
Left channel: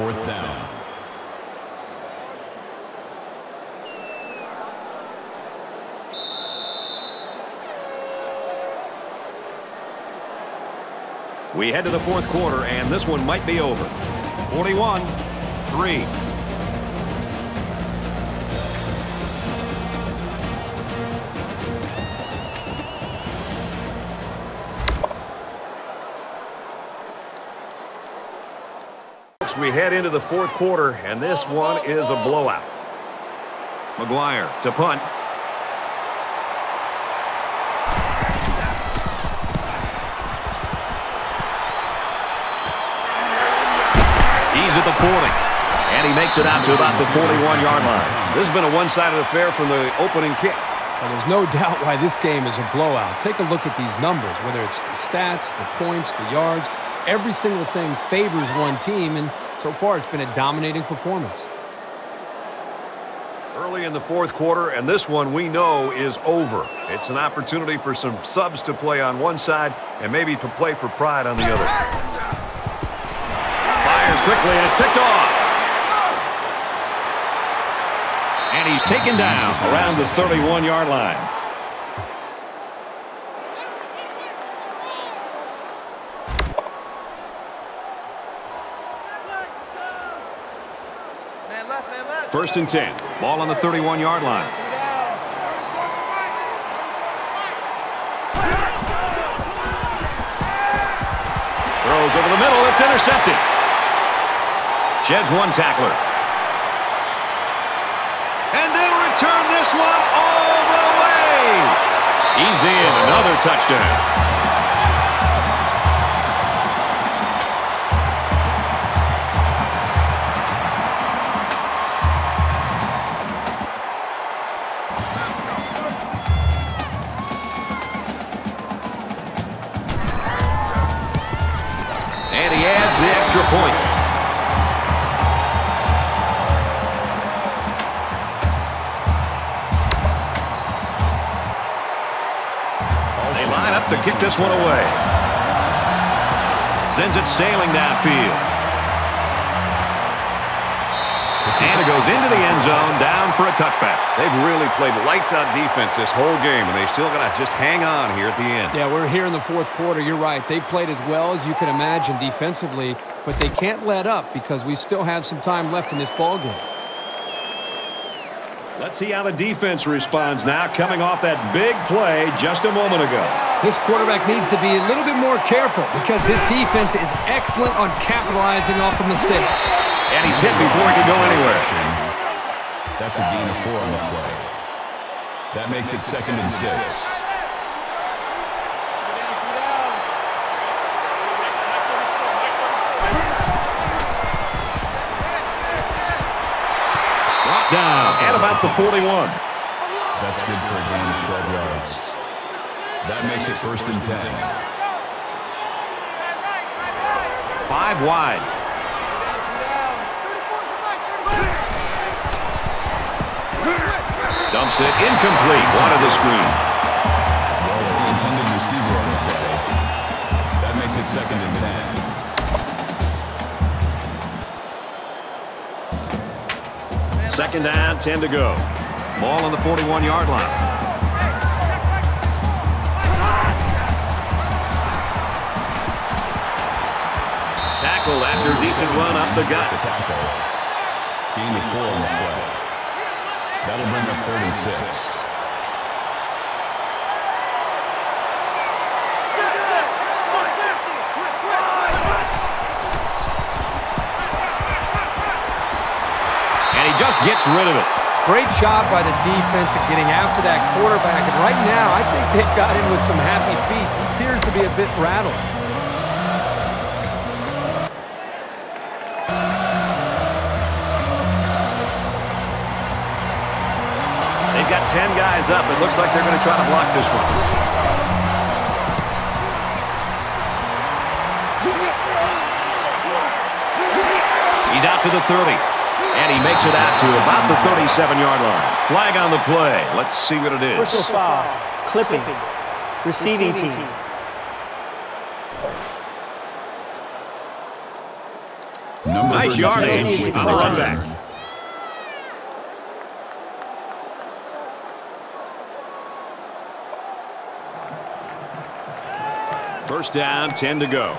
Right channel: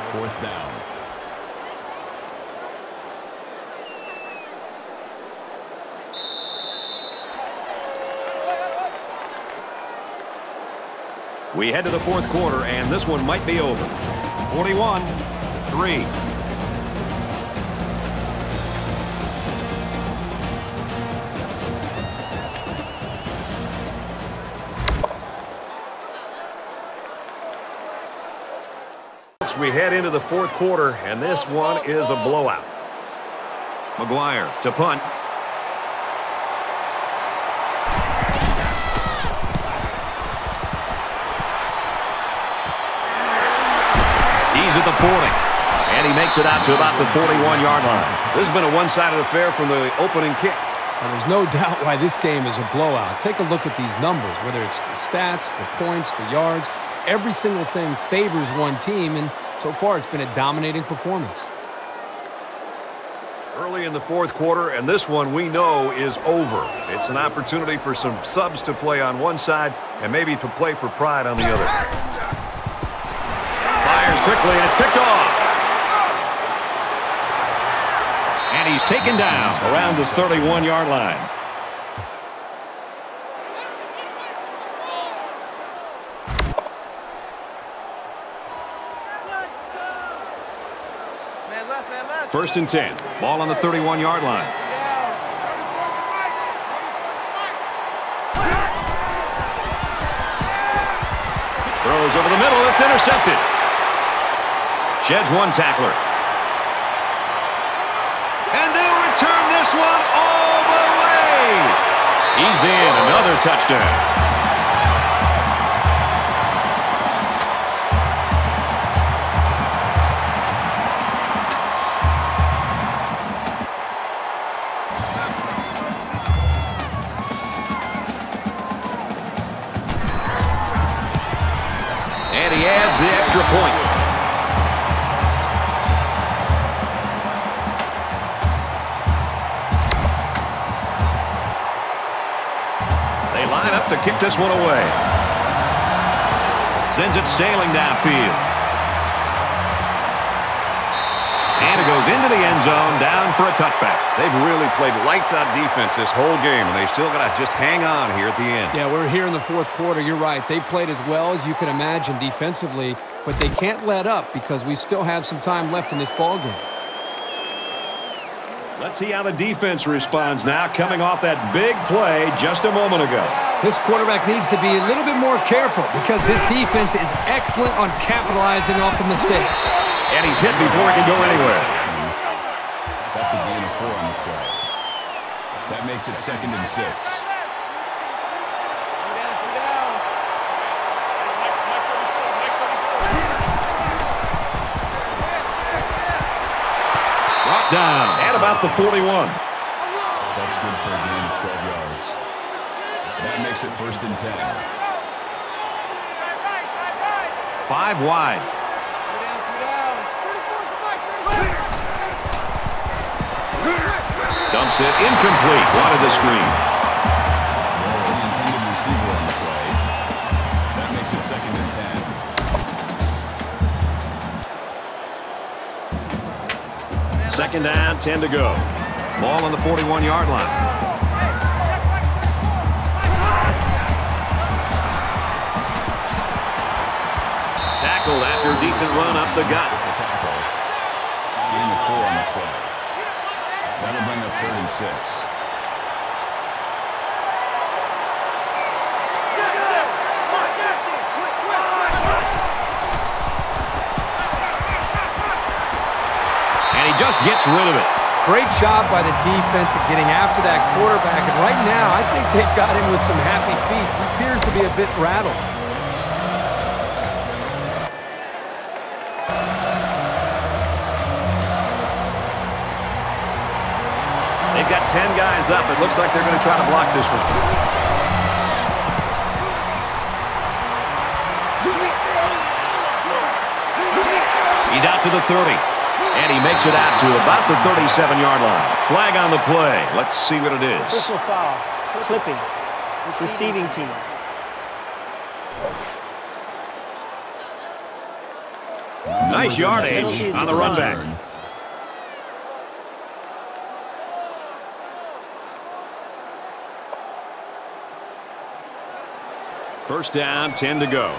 4th down. We head to the 4th quarter, and this one might be over. 41-3. We head into the 4th quarter, and this one is a blowout. McGuire to punt. He's at the 40, and he makes it out to about the 41-yard line. This has been a one-sided affair from the opening kick. Well, there's no doubt why this game is a blowout. Take a look at these numbers, whether it's the stats, the points, the yards. Every single thing favors one team, and so far it's been a dominating performance. Early in the 4th quarter, and this one we know is over. It's an opportunity for some subs to play on one side and maybe to play for pride on the other. Fires quickly, and it's picked off. And he's taken down around the 31-yard line. Man left, man left. 1st and 10. Ball on the 31-yard line. Down. 34's the fight. 34's the fight. Throws over the middle. It's intercepted. Sheds one tackler. And they'll return this one all the way. He's in. Another touchdown. And he adds the extra point. They line up to kick this one away. Sends it sailing downfield. And it goes into the end zone, down for a touchback. They've really played lights-out defense this whole game, and they still got to just hang on here at the end. Yeah, we're here in the 4th quarter. You're right. They've played as well as you can imagine defensively, but they can't let up because we still have some time left in this ball game. Let's see how the defense responds now, coming off that big play just a moment ago. This quarterback needs to be a little bit more careful because this defense is excellent on capitalizing off of mistakes. And he's hit before he can go anywhere. That's a gain of 4 on the play. That makes it 2nd and 6. Brought down at about the 41. That's good for a gain of 12 yards. That makes it 1st and 10. 5 wide. Dumps it incomplete. Wanted the screen. Well, the intended receiver on the play. That makes it 2nd and 10. 2nd down, 10 to go. Ball on the 41-yard line. Tackled after a decent run up the gut. Tackle. Gain of 4 on the play. That'll bring up 3rd and 6. And he just gets rid of it. Great job by the defense of getting after that quarterback. And right now, I think they've got him with some happy feet. He appears to be a bit rattled. They've got 10 guys up. It looks like they're going to try to block this one. He's out to the 30. And he makes it out to about the 37-yard line. Flag on the play. Let's see what it is. Personal foul. Clipping. Receiving team. Nice yardage on the run back. First down, 10 to go.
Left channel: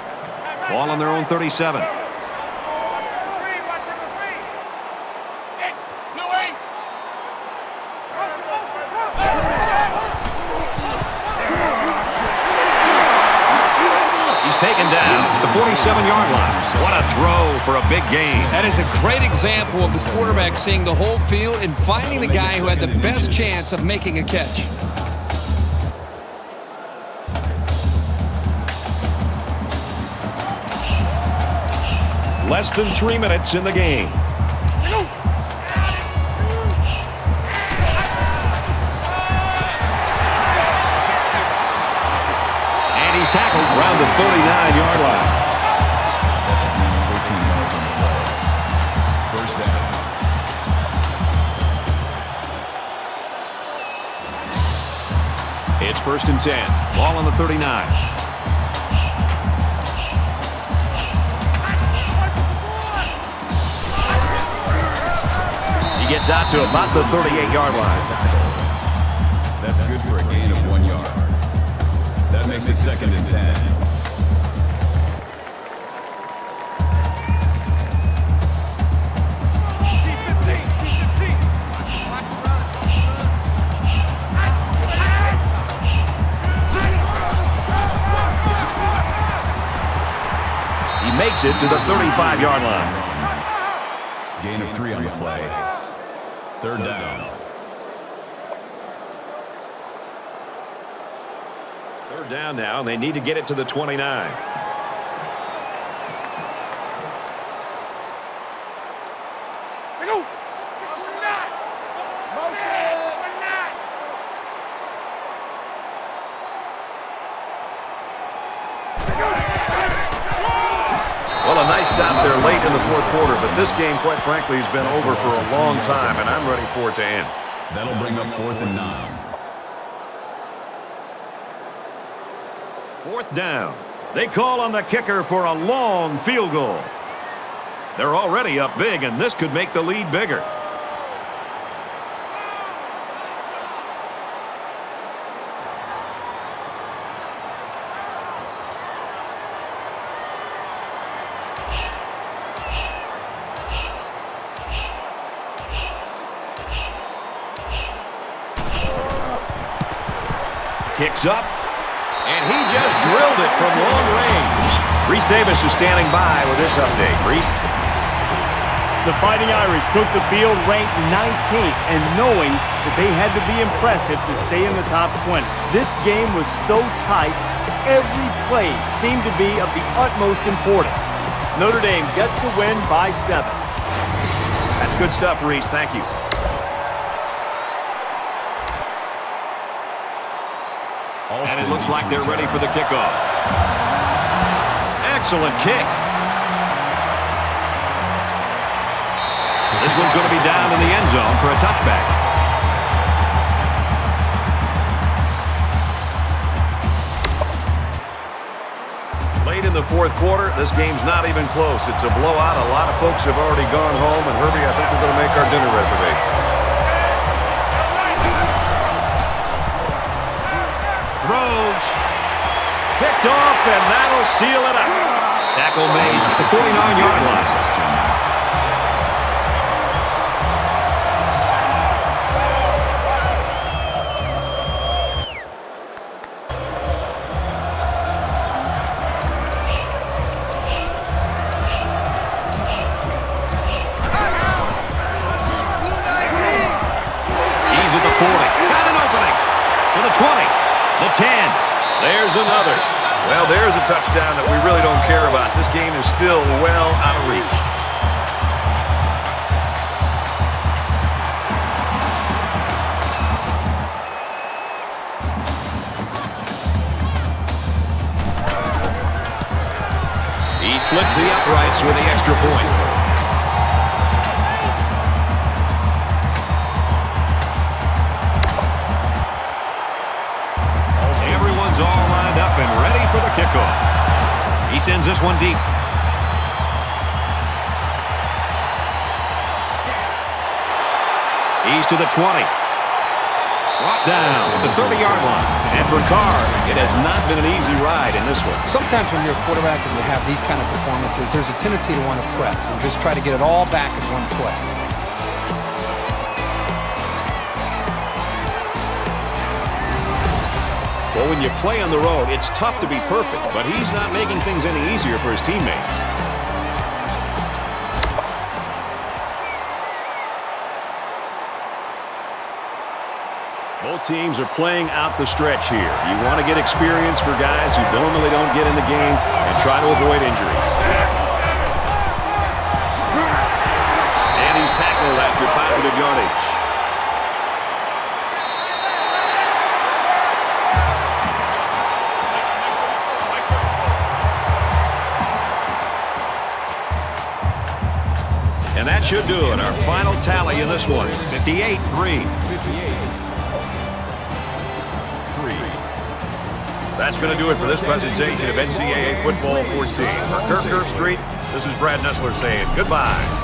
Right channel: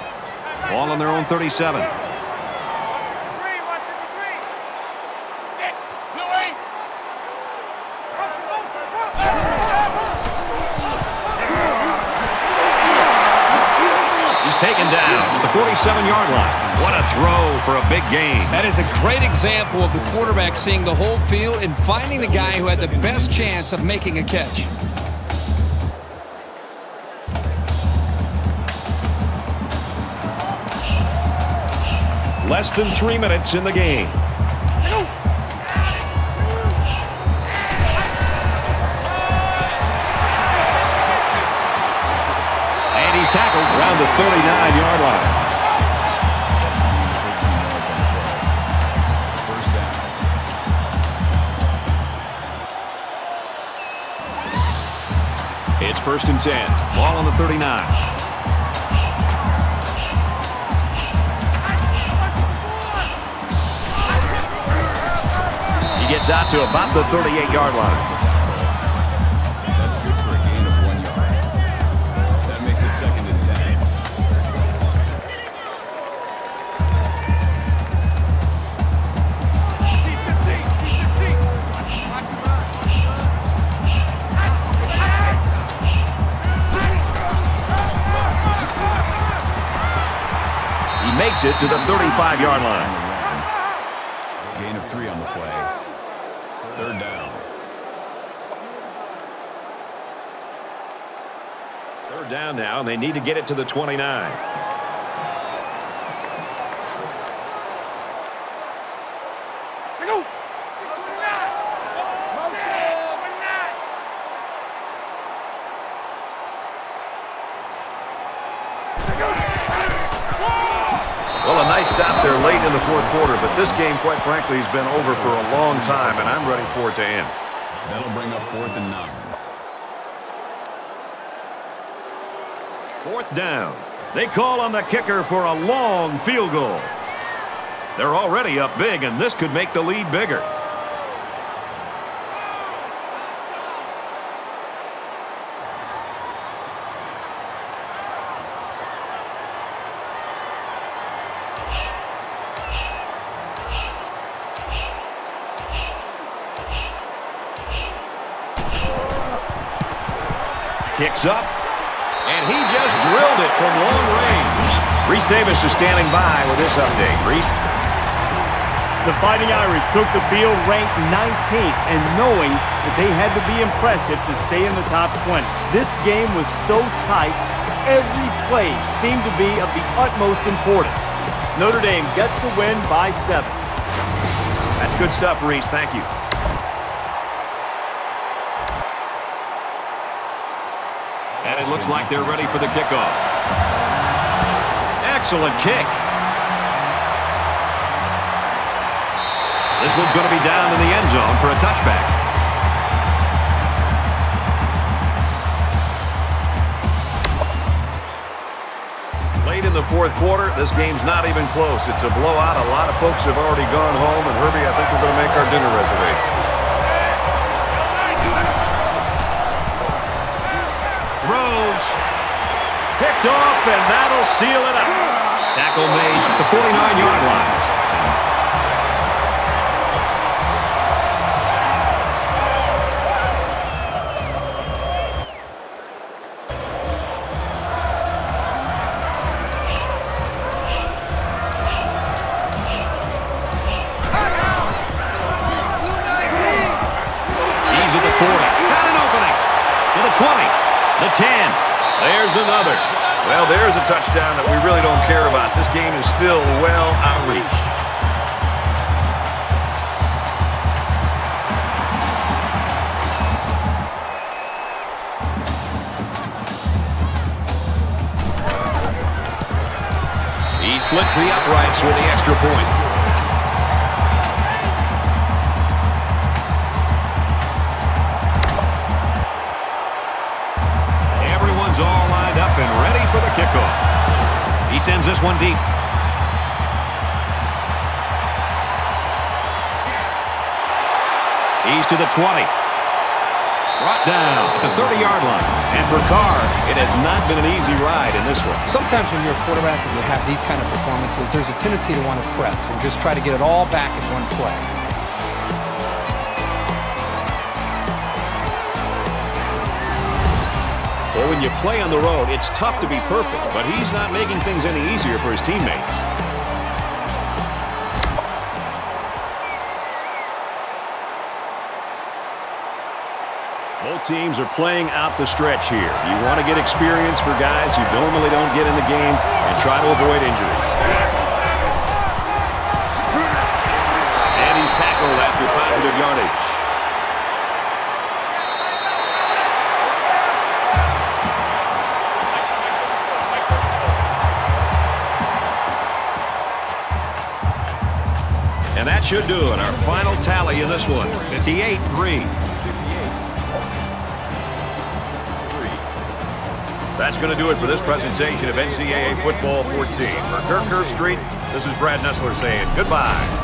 Ball on their own 37. He's taken down at the 47-yard line. What a throw for a big gain. That is a great example of the quarterback seeing the whole field and finding the guy who had the best chance of making a catch. Less than 3 minutes in the game. And he's tackled around the 39-yard line. That's a gain of 13 yards on the play. First down. It's 1st and 10. Ball on the 39. He gets out to about the 38-yard line. That's good for a gain of 1 yard. That makes it 2nd and 10. He makes it to the 35-yard line. Gain of 3 on the play. 3rd down. 3rd down now, and they need to get it to the 29. Well, a nice stop there late in the 4th quarter, but this game, quite frankly, has been over for a long time, and I'm ready for it to end. That'll bring up 4th and 9. 4th down. They call on the kicker for a long field goal. They're already up big, and this could make the lead bigger. Kicks up, and he just drilled it from long range. Reese Davis is standing by with this update. Reese? The Fighting Irish took the field ranked 19th, and knowing that they had to be impressive to stay in the top 20. This game was so tight, every play seemed to be of the utmost importance. Notre Dame gets the win by 7. That's good stuff, Reese. Thank you. And it looks like they're ready for the kickoff. Excellent kick. This one's going to be down in the end zone for a touchback. Late in the fourth quarter, this game's not even close. It's a blowout. A lot of folks have already gone home. And, Herbie, I think we're going to make our dinner reservation. Throws. Picked off, and that'll seal it up. Tackle made at the 49-yard line. He's at the 40. Got an opening. To the 20. The 10. There's another. Well, there's a touchdown that we really don't care about. This game is still well out of reach. He splits the uprights with the extra point. Everyone's all lined up and ready for the kickoff. He sends this one deep. He's to the 20. Brought down at the 30-yard line. And for Carr, it has not been an easy ride in this one. Sometimes when you're a quarterback and you have these kind of performances, there's a tendency to want to press and just try to get it all back in one play. Well, when you play on the road, it's tough to be perfect, but he's not making things any easier for his teammates. Both teams are playing out the stretch here. You want to get experience for guys who normally don't get in the game and try to avoid injuries. And he's tackled after positive yardage. And that should do it. Our final tally in this one, 58-3. That's going to do it for this presentation of NCAA Football 14. For Kirk Herbstreit, this is Brad Nessler saying goodbye.